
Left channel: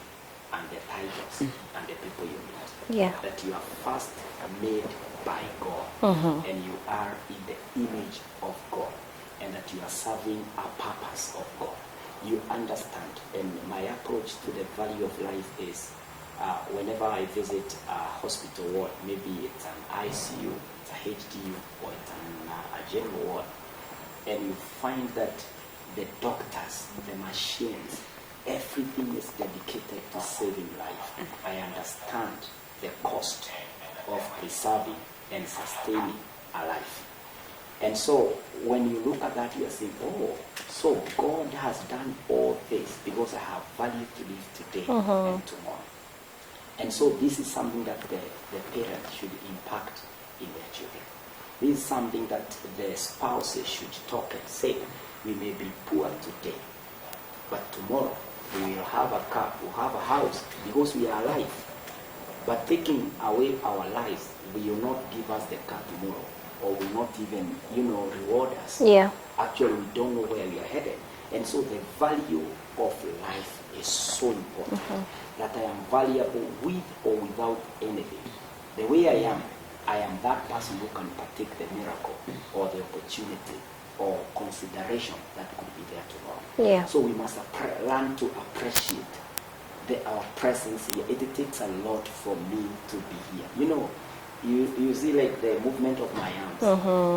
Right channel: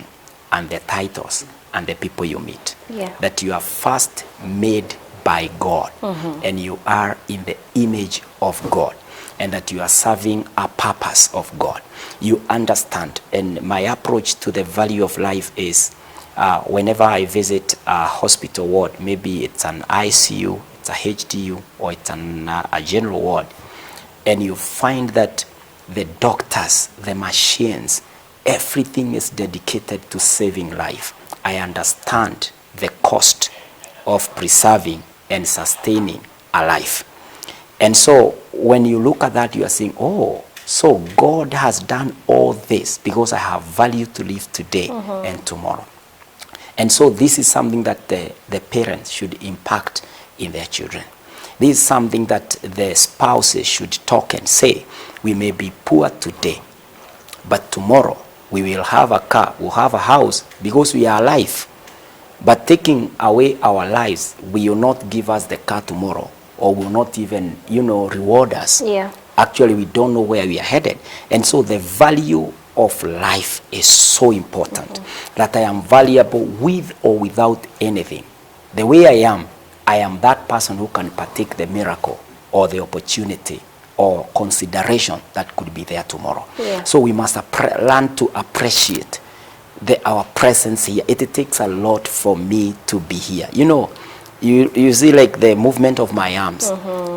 and the titles and the people you meet. Yeah. That you are first made by God, and you are in the image of God, and that you are serving a purpose of God. You understand, and my approach to the value of life is whenever I visit a hospital ward, maybe it's an ICU, it's a HDU, or it's a general ward, and you find that the doctors, the machines, everything is dedicated to saving life. I understand the cost of preserving and sustaining a life. And so when you look at that, you are saying, oh, so God has done all this because I have value to live today and tomorrow. And so this is something that the parents should impact in their children. This is something that the spouses should talk and say. We may be poor today, but tomorrow we will have a car, we'll have a house because we are alive. But taking away our lives will not give us the car tomorrow, or will not even, reward us. Yeah. Actually, we don't know where we are headed. And so the value of life is so important, that I am valuable with or without anything. The way I am that person who can partake the miracle or the opportunity or consideration that could be there tomorrow. Yeah. So we must learn to appreciate our presence here. It takes a lot for me to be here. You know, you see like the movement of my arms.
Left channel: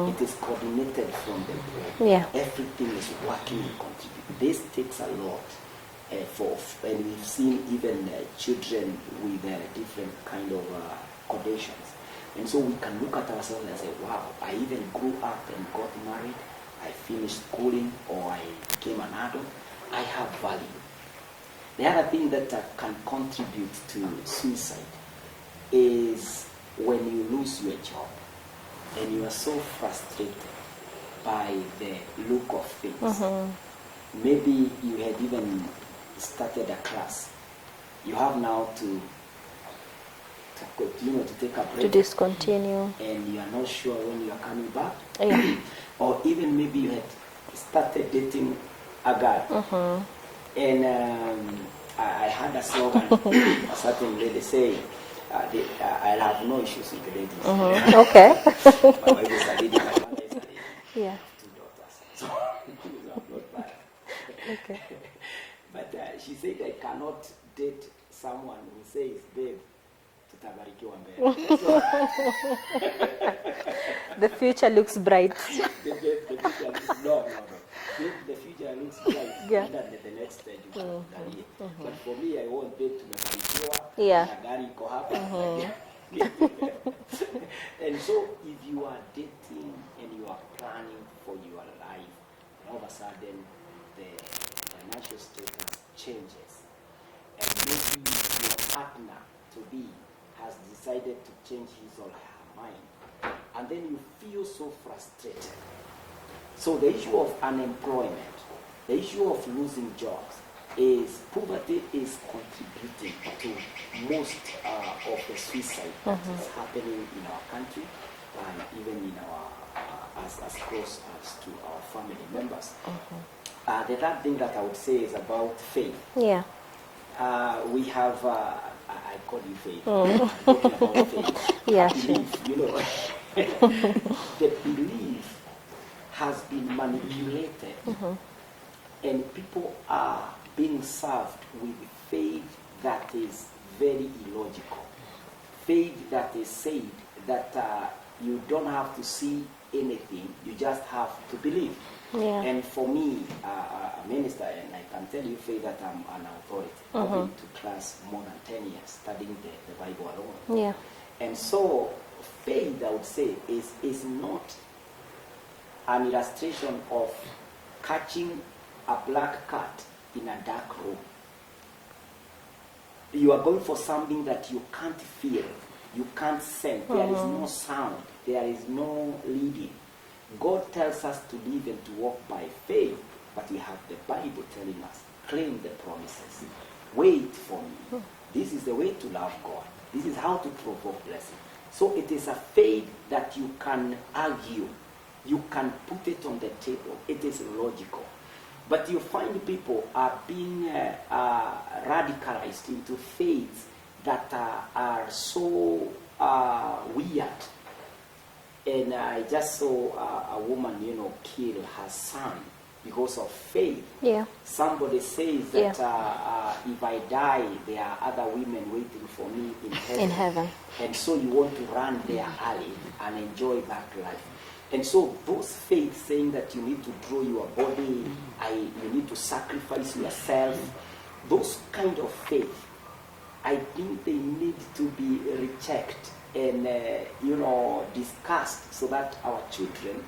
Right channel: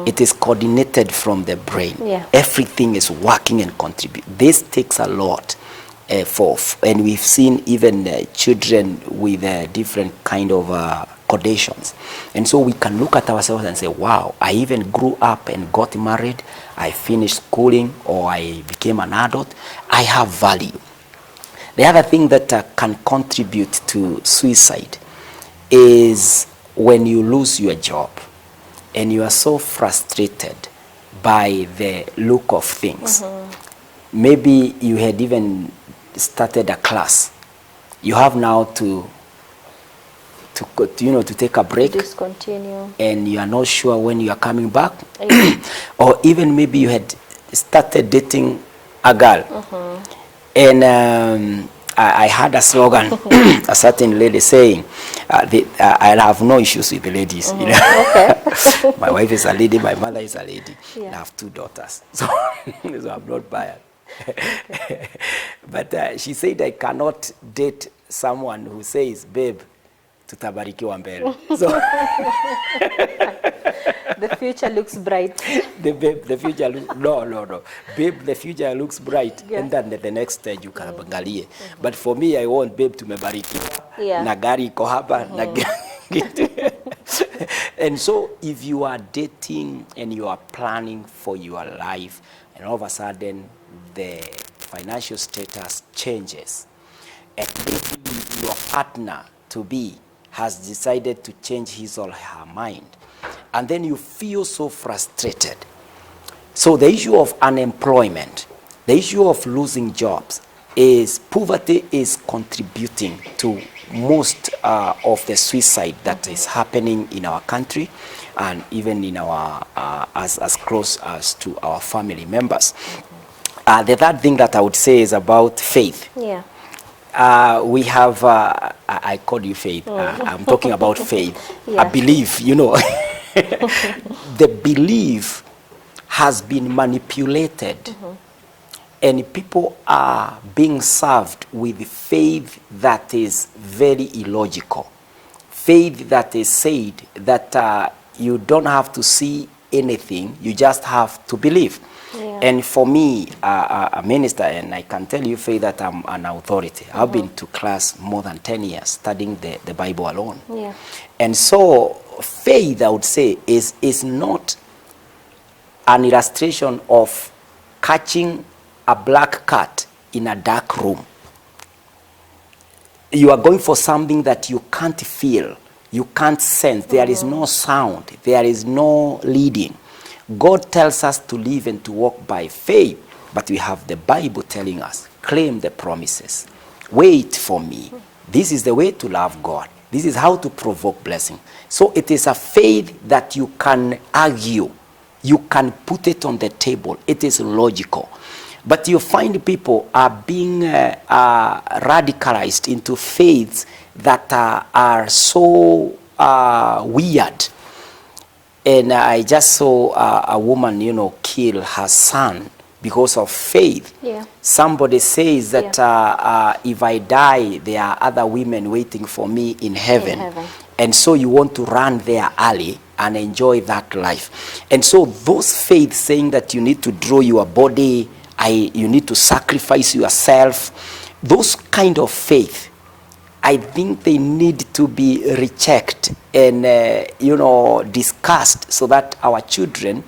It is coordinated from the brain. Yeah. Everything is working and contribute. This takes a lot and we've seen even children with different kind of conditions. And so we can look at ourselves and say, wow, I even grew up and got married. I finished schooling, or I became an adult. I have value. The other thing that can contribute to suicide is when you lose your job and you are so frustrated by the look of things. Maybe you had even started a class. You have now to take a break. To discontinue. And you are not sure when you are coming back. Yeah. Or even maybe you had started dating a girl. And I had a slogan, a certain lady saying, I'll have no issues with the ladies. You know? Okay. My wife is a lady, my mother is a lady. Yeah. I have 2 daughters, so I'm not biased. Okay. But she said I cannot date someone who says, babe, tutabarikiwa mbele. So the future looks bright. The future looks, no. Babe, the future looks bright. Yeah. And then the next stage you can angalie. But for me, I want babe tumebarikiwa. Yeah. Na gari iko hapa. And so if you are dating and you are planning for your life, and all of a sudden the financial status changes, and maybe your partner to be has decided to change his or her mind, and then you feel so frustrated. So the issue of unemployment, the issue of losing jobs, is poverty is contributing to most of the suicide that is happening in our country, and even in our as close as to our family members. The third thing that I would say is about faith. Yeah. We have, I call you faith. I'm talking about faith. Yeah. I believe, you know. The belief has been manipulated, and people are being served with faith that is very illogical. Faith that is said that you don't have to see anything, you just have to believe. Yeah. And for me, a minister, and I can tell you, faith, that I'm an authority. I've been to class more than 10 years studying the Bible alone. Yeah. And so faith, I would say, is not an illustration of catching a black cat in a dark room. You are going for something that you can't feel, you can't sense. There is no sound, there is no leading. God tells us to live and to walk by faith, but we have the Bible telling us, claim the promises. Wait for me. This is the way to love God. This is how to provoke blessing. So it is a faith that you can argue. You can put it on the table. It is logical. But you find people are being radicalized into faiths that are so weird. And I just saw a woman, kill her son because of faith. Yeah. Somebody says that if I die, there are other women waiting for me in heaven. In heaven. And so you want to run there early and enjoy that life. And so those faiths saying that you need to draw your body, you need to sacrifice yourself, those kind of faith, I think they need to be rechecked and discussed so that our children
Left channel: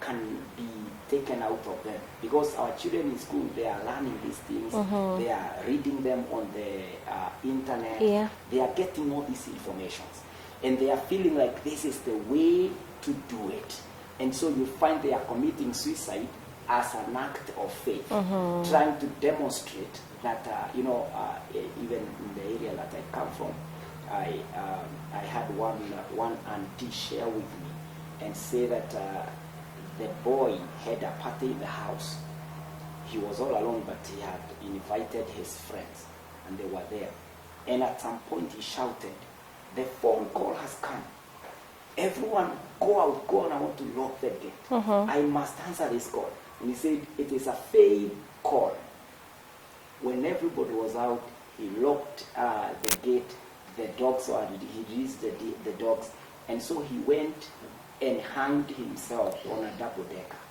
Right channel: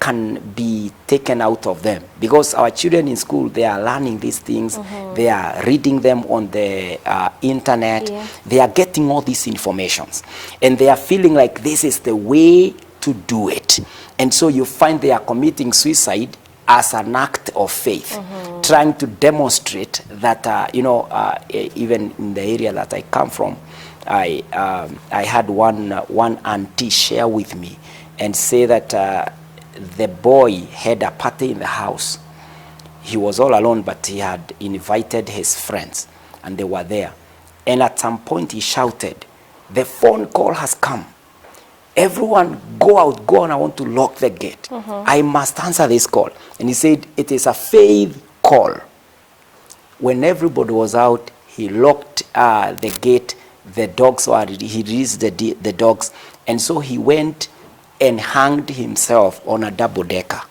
can be taken out of them. Because our children in school, they are learning these things, they are reading them on the internet, they are getting all these informations, and they are feeling like this is the way to do it. And so you find they are committing suicide as an act of faith, trying to demonstrate that, even in the area that I come from, I had one auntie share with me and say that the boy had a party in the house. He was all alone, but he had invited his friends, and they were there. And at some point he shouted, "The phone call has come. Everyone go out, go on, I want to lock the gate. I must answer this call." And he said, "It is a faith call." When everybody was out, he locked the gate. The dogs were, he released the dogs. And so he went and hanged himself on a double decker.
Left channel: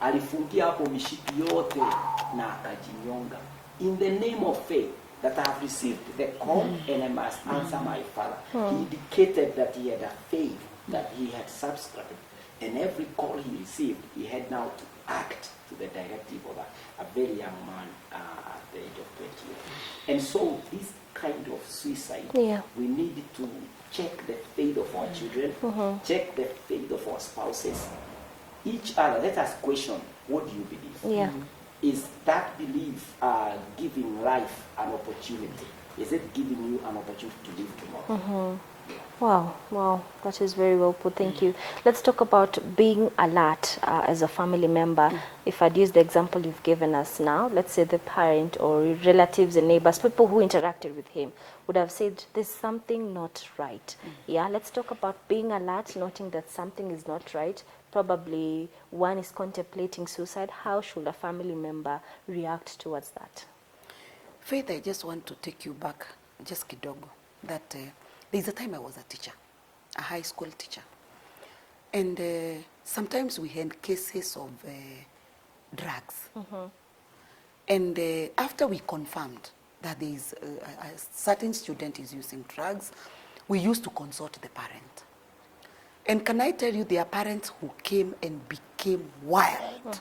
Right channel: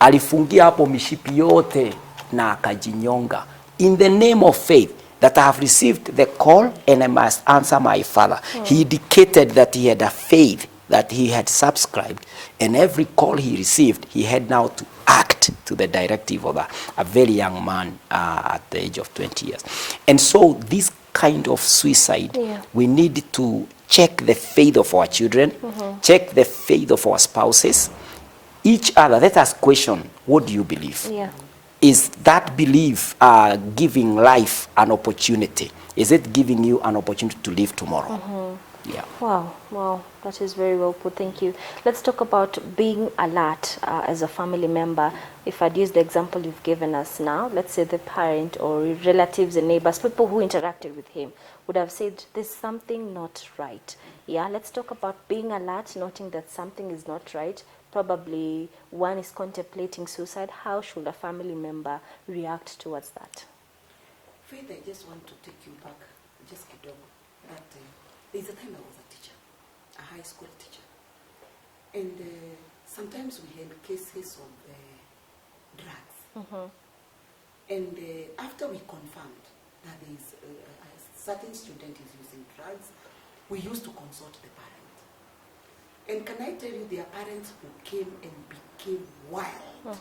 Alifungia hapo mishipi yote na akajinyonga. In the name of faith, that I have received the call and I must answer my Father. He indicated that he had a faith that he had subscribed, and every call he received, he had now to act to the directive of a very young man at the age of 20 years. And so this kind of suicide, we need to check the faith of our children, check the faith of our spouses, each other. Let us question, what do you believe? Is that belief giving life an opportunity? Is it giving you an opportunity to live tomorrow? Yeah. Wow, that is very well put. Thank you. Let's talk about being alert as a family member. If I'd use the example you've given us now, let's say the parent or relatives and neighbors, people who interacted with him, would have said there's something not right. Yeah, let's talk about being alert, noting that something is not right. Probably one is contemplating suicide. How should a family member react towards that? Faith, I just want to take you back just kidogo. That there's a time I was a teacher, a high school teacher. And sometimes we had cases of drugs. And after we confirmed that there is a certain student is using drugs, we used to consult the parent. And can I tell you, there are parents who came and became wild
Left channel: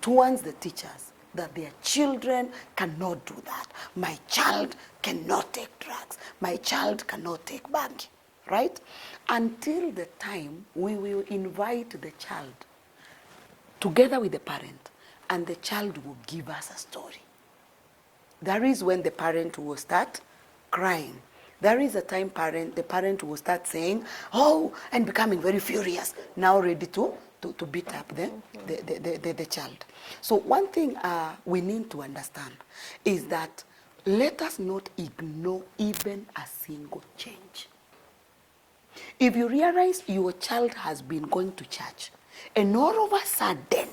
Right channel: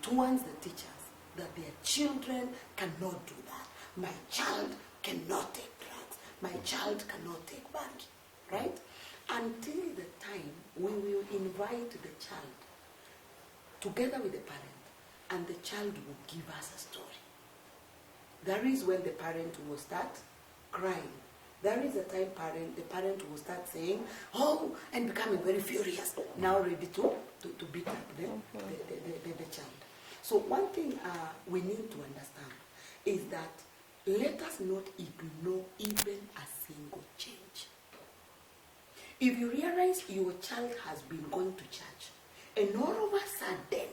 towards the teachers, that their children cannot do that. My child cannot take drugs. My child cannot take bangi, right? Until the time we will invite the child together with the parent, and the child will give us a story. That is when the parent will start crying. There is a time the parent will start saying, "Oh," and becoming very furious, now ready to beat up the child. So one thing we need to understand is that let us not ignore even a single change. If you realize your child has been going to church, and all of a sudden,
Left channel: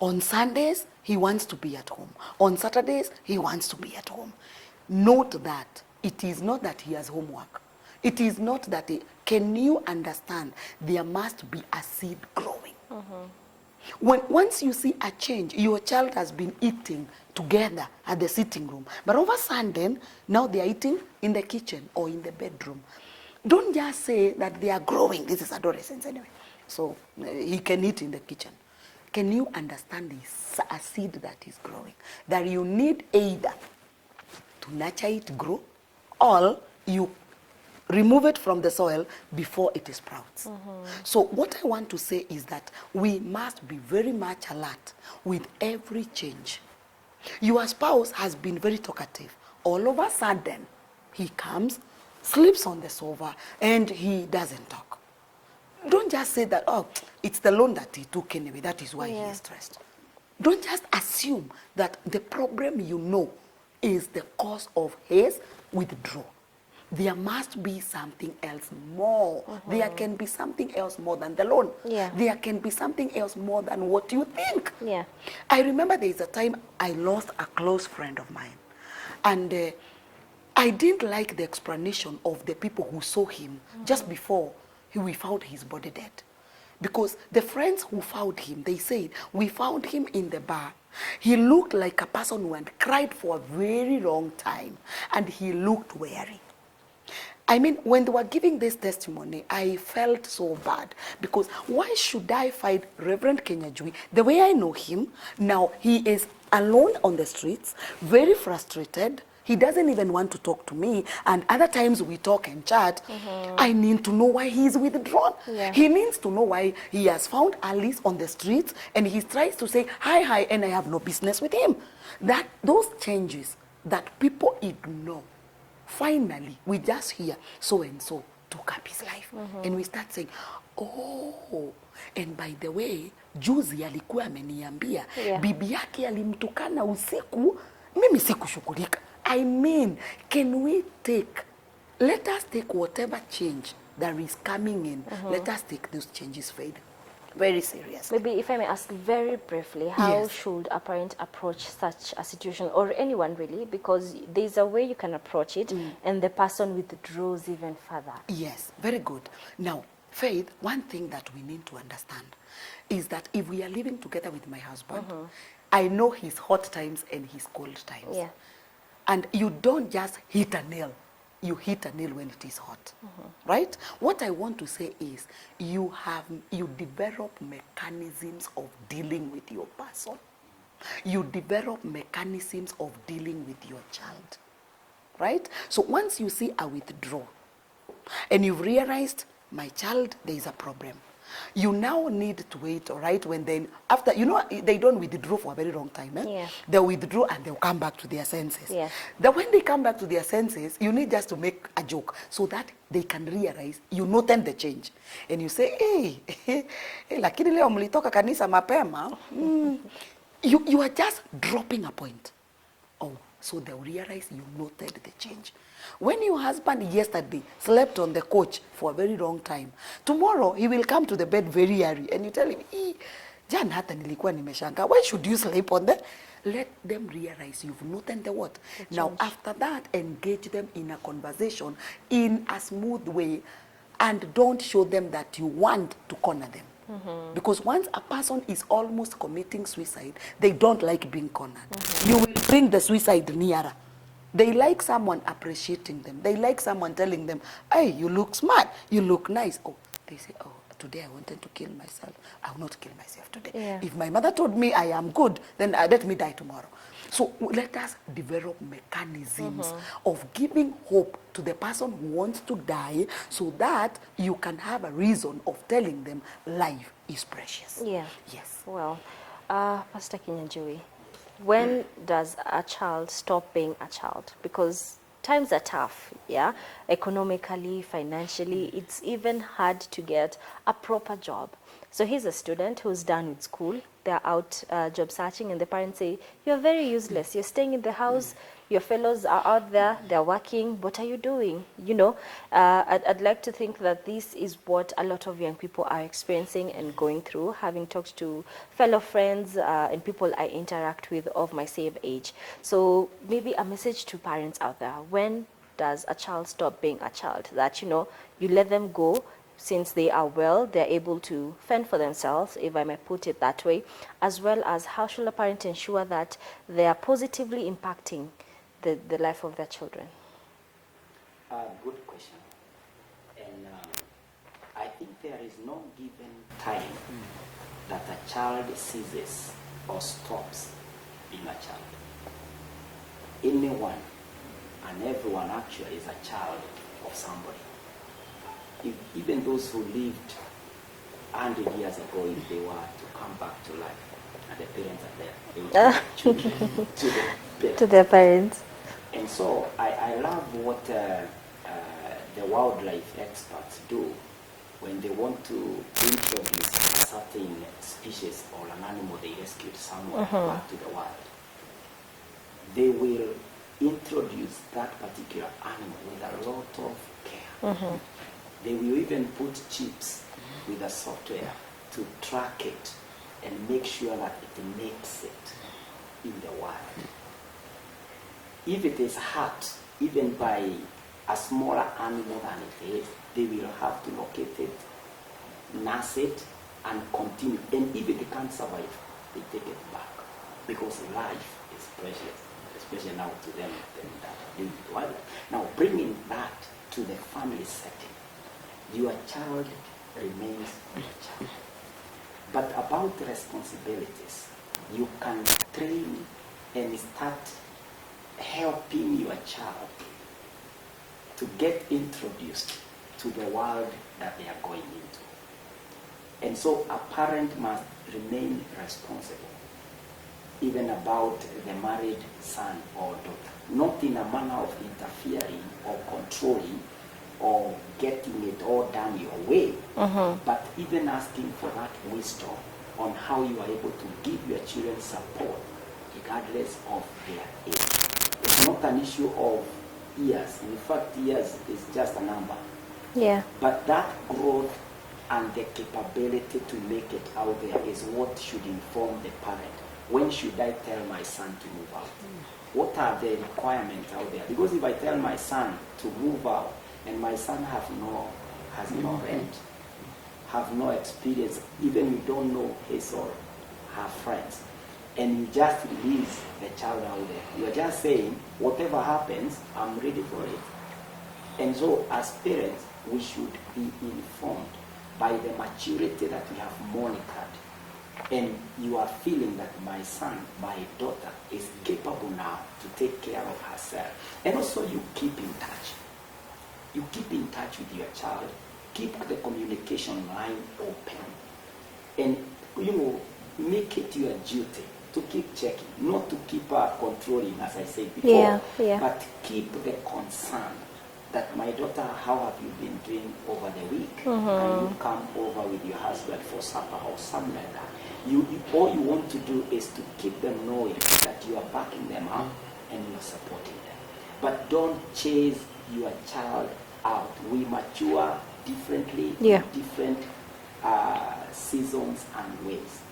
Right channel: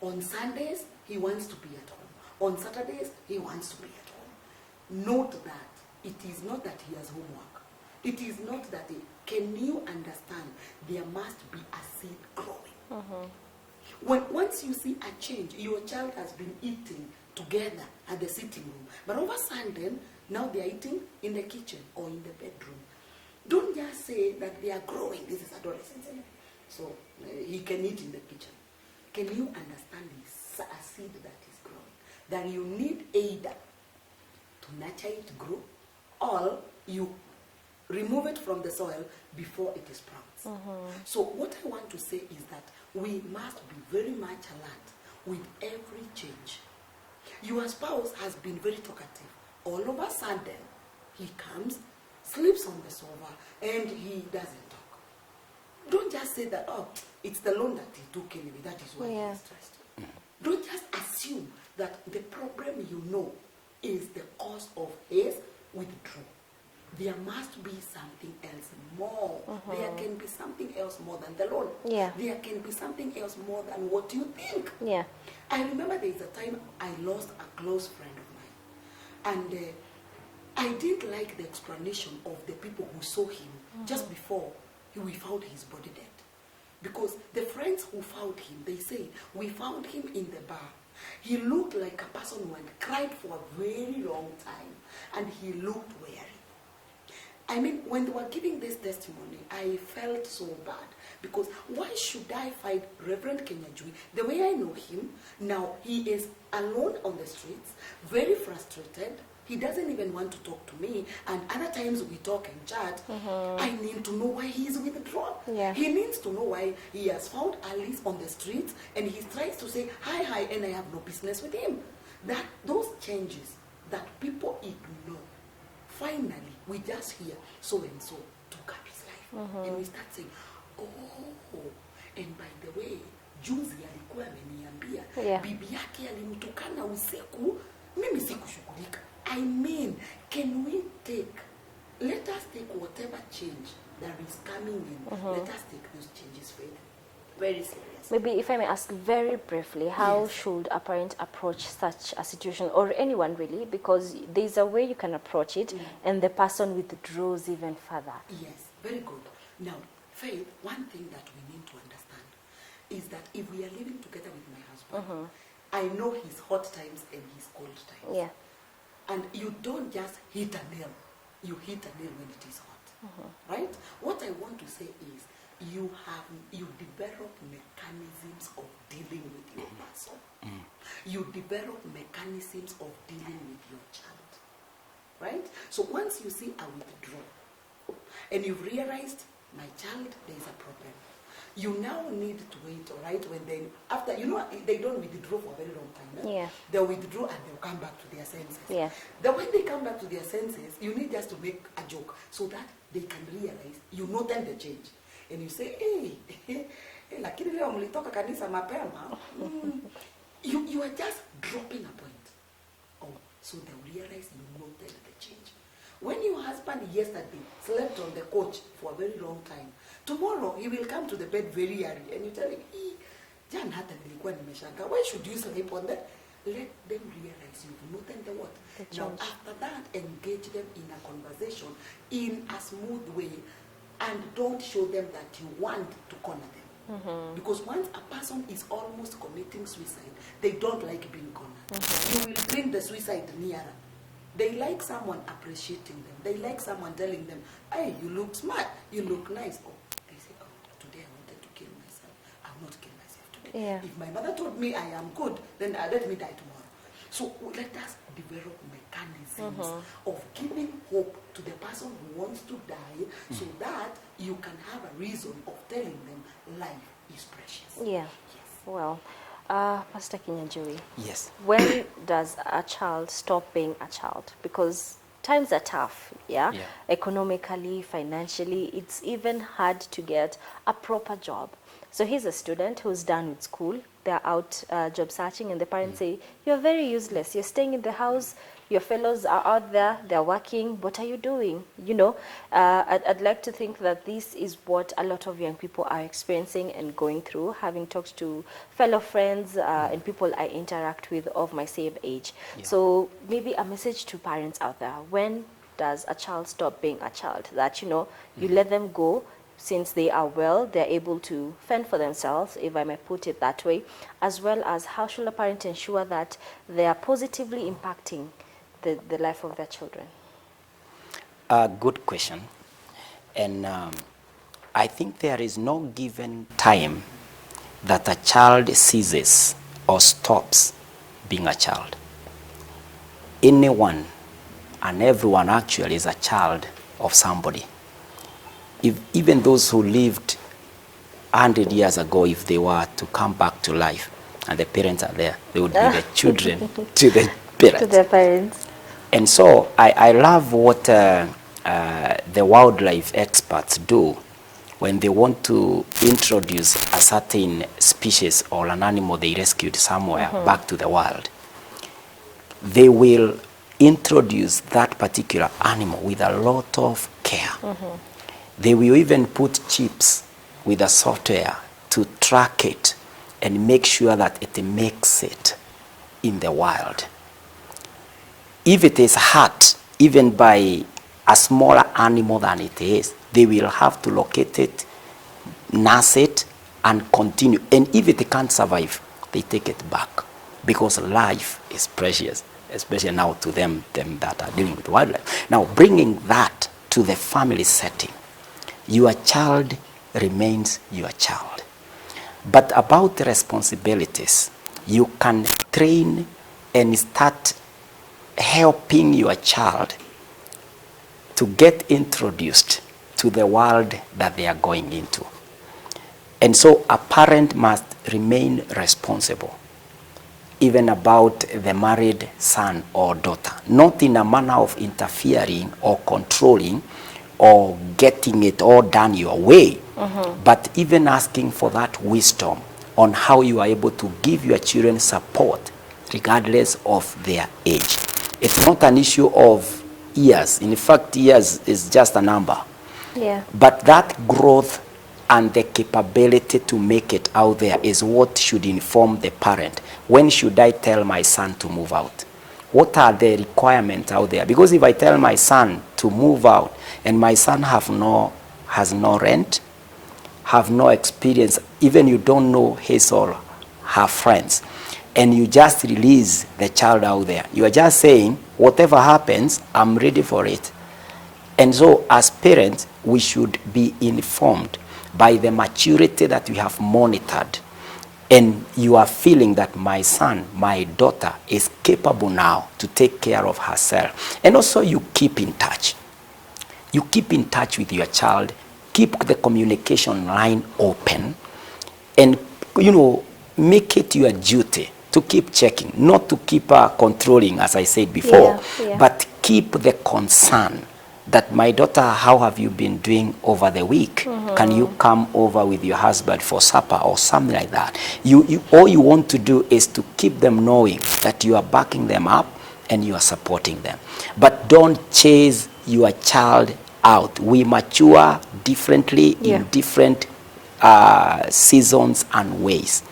on Sundays, he wants to be at home. On Saturdays, he wants to be at home. Note that it is not that he has homework. It is not that can you understand? There must be a seed growing. Once you see a change, your child has been eating together at the sitting room, but over Sunday, now they are eating in the kitchen or in the bedroom. Don't just say that they are growing. This is adolescence anyway, so he can eat in the kitchen. Can you understand this? A seed that is growing, that you need either to nurture it grow, or you remove it from the soil before it sprouts. So what I want to say is that we must be very much alert with every change. Your spouse has been very talkative. All of a sudden, he comes, sleeps on the sofa, and he doesn't talk. Don't just say that, "Oh, it's the loan that he took anyway, that is why he is stressed." Don't just assume that the problem is the cause of his withdrawal. There must be something else more. There can be something else more than the loan. There can be something else more than what you think. I remember there is a time I lost a close friend of mine. And I didn't like the explanation of the people who saw him just before we found his body dead. Because the friends who found him, they said, "We found him in the bar. He looked like a person who had cried for a very long time, and he looked weary." I mean, when they were giving this testimony, I felt so bad, because why should I find Reverend Kenyajui the way I know him? Now he is alone on the streets, very frustrated. He doesn't even want to talk to me, and other times we talk and chat. I need to know why he's withdrawn. He needs to know why he has found Alice on the streets, and he tries to say hi, and I have no business with him. That those changes that people ignore. Finally, we just hear so and so took up his life, and we start saying, oh, and by the way, juzi alikuwa ameniambia bibi yake alimtukana usiku, mimi sikushughulika. I mean, can we let us take whatever change that is coming in, let us take those changes, Faith, very serious. Maybe if I may ask very briefly, how should a parent approach such a situation, or anyone really, because there's a way you can approach it and the person withdraws even further? Yes, very good. Now, Faith, one thing that we need to understand is that if we are living together with my husband, I know his hot times and his cold times. Yeah. And you don't just hit a nail. You hit a nail when it is hot, right? What I want to say is you develop mechanisms of dealing with your person. You develop mechanisms of dealing with your child, right? So once you see a withdrawal and you've realized my child, there is a problem, you now need to wait, all right, when then, after, you know, they don't withdraw for a very long time. They'll withdraw and they'll come back to their senses. Then when they come back to their senses, you need just to make a joke so that they can realize you noted the change. And you say, hey, lakini leo mlitoka kanisa mapema. You are just dropping a point. Oh, so they'll realize you noted the change. When your husband yesterday slept on the couch for a very long time, tomorrow he will come to the bed very early and you tell him, jana hata nilikuwa nimeshanga. Why should you sleep on that? Let them realize you've noted the what. Now after that, engage them in a conversation in a smooth way and don't show them that you want to corner them. Because once a person is almost committing suicide, they don't like being cornered. You will bring the suicide nearer. They like someone appreciating them. They like someone telling them, hey, you look smart, you look nice. Oh, they say, oh, today I wanted to kill myself. I will not kill myself today. If my mother told me I am good, then let me die tomorrow. So let us develop mechanisms of giving hope to the person who wants to die so that you can have a reason of telling them life is precious. Yes. Well, Pastor Kinyanjui. Yes. When does a child stop being a child? Because times are tough, economically, financially. It's even hard to get a proper job. So he's a student who's done with school. They're out job searching, and the parents say, you're very useless. You're staying in the house. Your fellows are out there. They're working. What are you doing? You know, I'd like to think that this is what a lot of young people are experiencing and going through, having talked to fellow friends and people I interact with of my same age. So maybe a message to parents out there. When does a child stop being a child? That, you know, you let them go. Since they are well, they're able to fend for themselves, if I may put it that way, as well as how should a parent ensure that they are positively impacting the life of their children? Good question. And I think there is no given time that a child ceases or stops being a child. Anyone and everyone actually is a child of somebody. If even those who lived 100 years ago, if they were to come back to life and the parents are there, they would be the children to the parents. To their parents. And so I love what the wildlife experts do when they want to introduce a certain species or an animal they rescued somewhere back to the wild. They will introduce that particular animal with a lot of care. They will even put chips with a software to track it and make sure that it makes it in the wild. If it is hurt, even by a smaller animal than it is, they will have to locate it, nurse it, and continue. And if it can't survive, they take it back, because life is precious, especially now to them that are dealing with wildlife. Now, bringing that to the family setting, your child remains your child. But about the responsibilities, you can train and start helping your child to get introduced to the world that they are going into. And so a parent must remain responsible, even about the married son or daughter, not in a manner of interfering or controlling or getting it all done your way, but even asking for that wisdom on how you are able to give your children support regardless of their age. It's not an issue of years. In fact, years is just a number. Yeah. But that growth and the capability to make it out there is what should inform the parent. When should I tell my son to move out? What are the requirements out there? Because if I tell my son to move out and my son has no rent, have no experience, even you don't know his or her friends, and you just release the child out there, you are just saying, whatever happens, I'm ready for it. And so as parents, we should be informed by the maturity that we have monitored. And you are feeling that my son, my daughter is capable now to take care of herself. And also you keep in touch. You keep in touch with your child, keep the communication line open, and make it your duty to keep checking, not to keep controlling, as I said before, but keep the concern that, my daughter, how have you been doing over the week? Can you come over with your husband for supper or something like that? All you want to do is to keep them knowing that you are backing them up and you are supporting them. But don't chase your child out. We mature differently in different seasons and ways.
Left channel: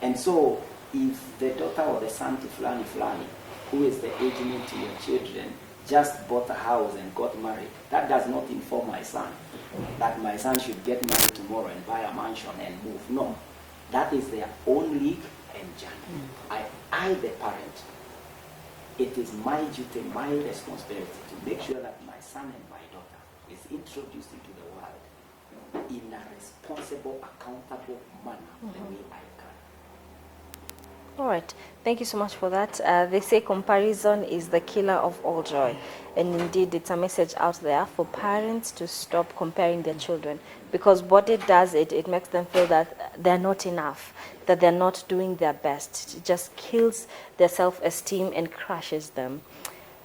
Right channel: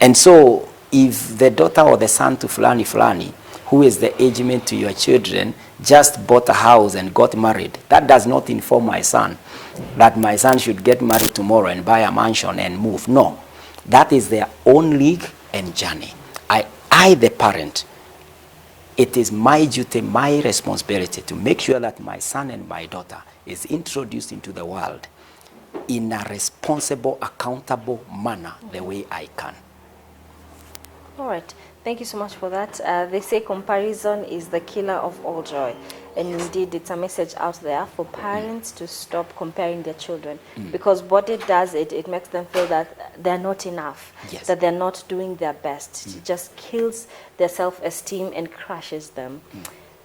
And so if the daughter or the son to fulani, who is the age mate to your children, just bought a house and got married, that does not inform my son that my son should get married tomorrow and buy a mansion and move. No, that is their own league and journey. I, the parent, it is my duty, my responsibility to make sure that my son and my daughter is introduced into the world in a responsible, accountable manner, the way I can. All right. Thank you so much for that. They say comparison is the killer of all joy. And indeed, it's a message out there for parents to stop comparing their children. Because what it does, it makes them feel that they're not enough, that they're not doing their best. It just kills their self-esteem and crushes them.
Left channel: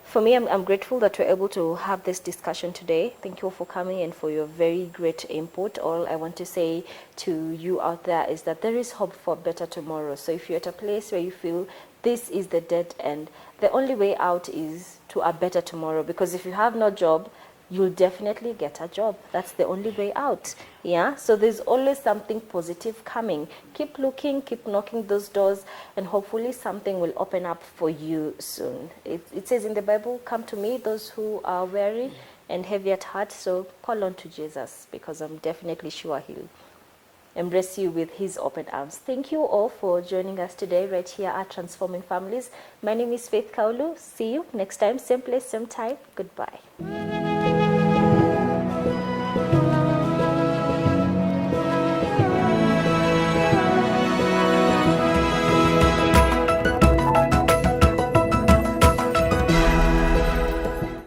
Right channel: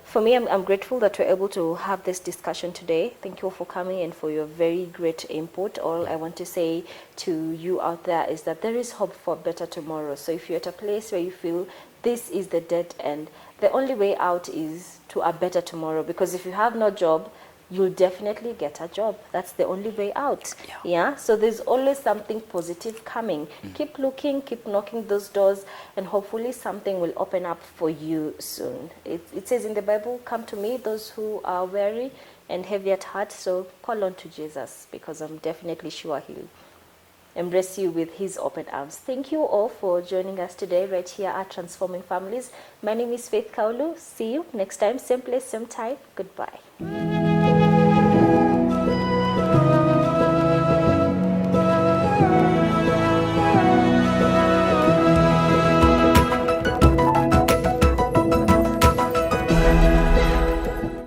For me, I'm grateful that we're able to have this discussion today. Thank you all for coming and for your very great input. All I want to say to you out there is that there is hope for a better tomorrow. So if you're at a place where you feel this is the dead end, the only way out is to a better tomorrow. Because if you have no job, you'll definitely get a job. That's the only way out. Yeah. So there's always something positive coming. Keep looking, keep knocking those doors, and hopefully something will open up for you soon. It says in the Bible, come to me, those who are weary and heavy at heart. So call on to Jesus, because I'm definitely sure he'll embrace you with his open arms. Thank you all for joining us today right here at Transforming Families. My name is Faith Kaulu. See you next time, same place, same time. Goodbye.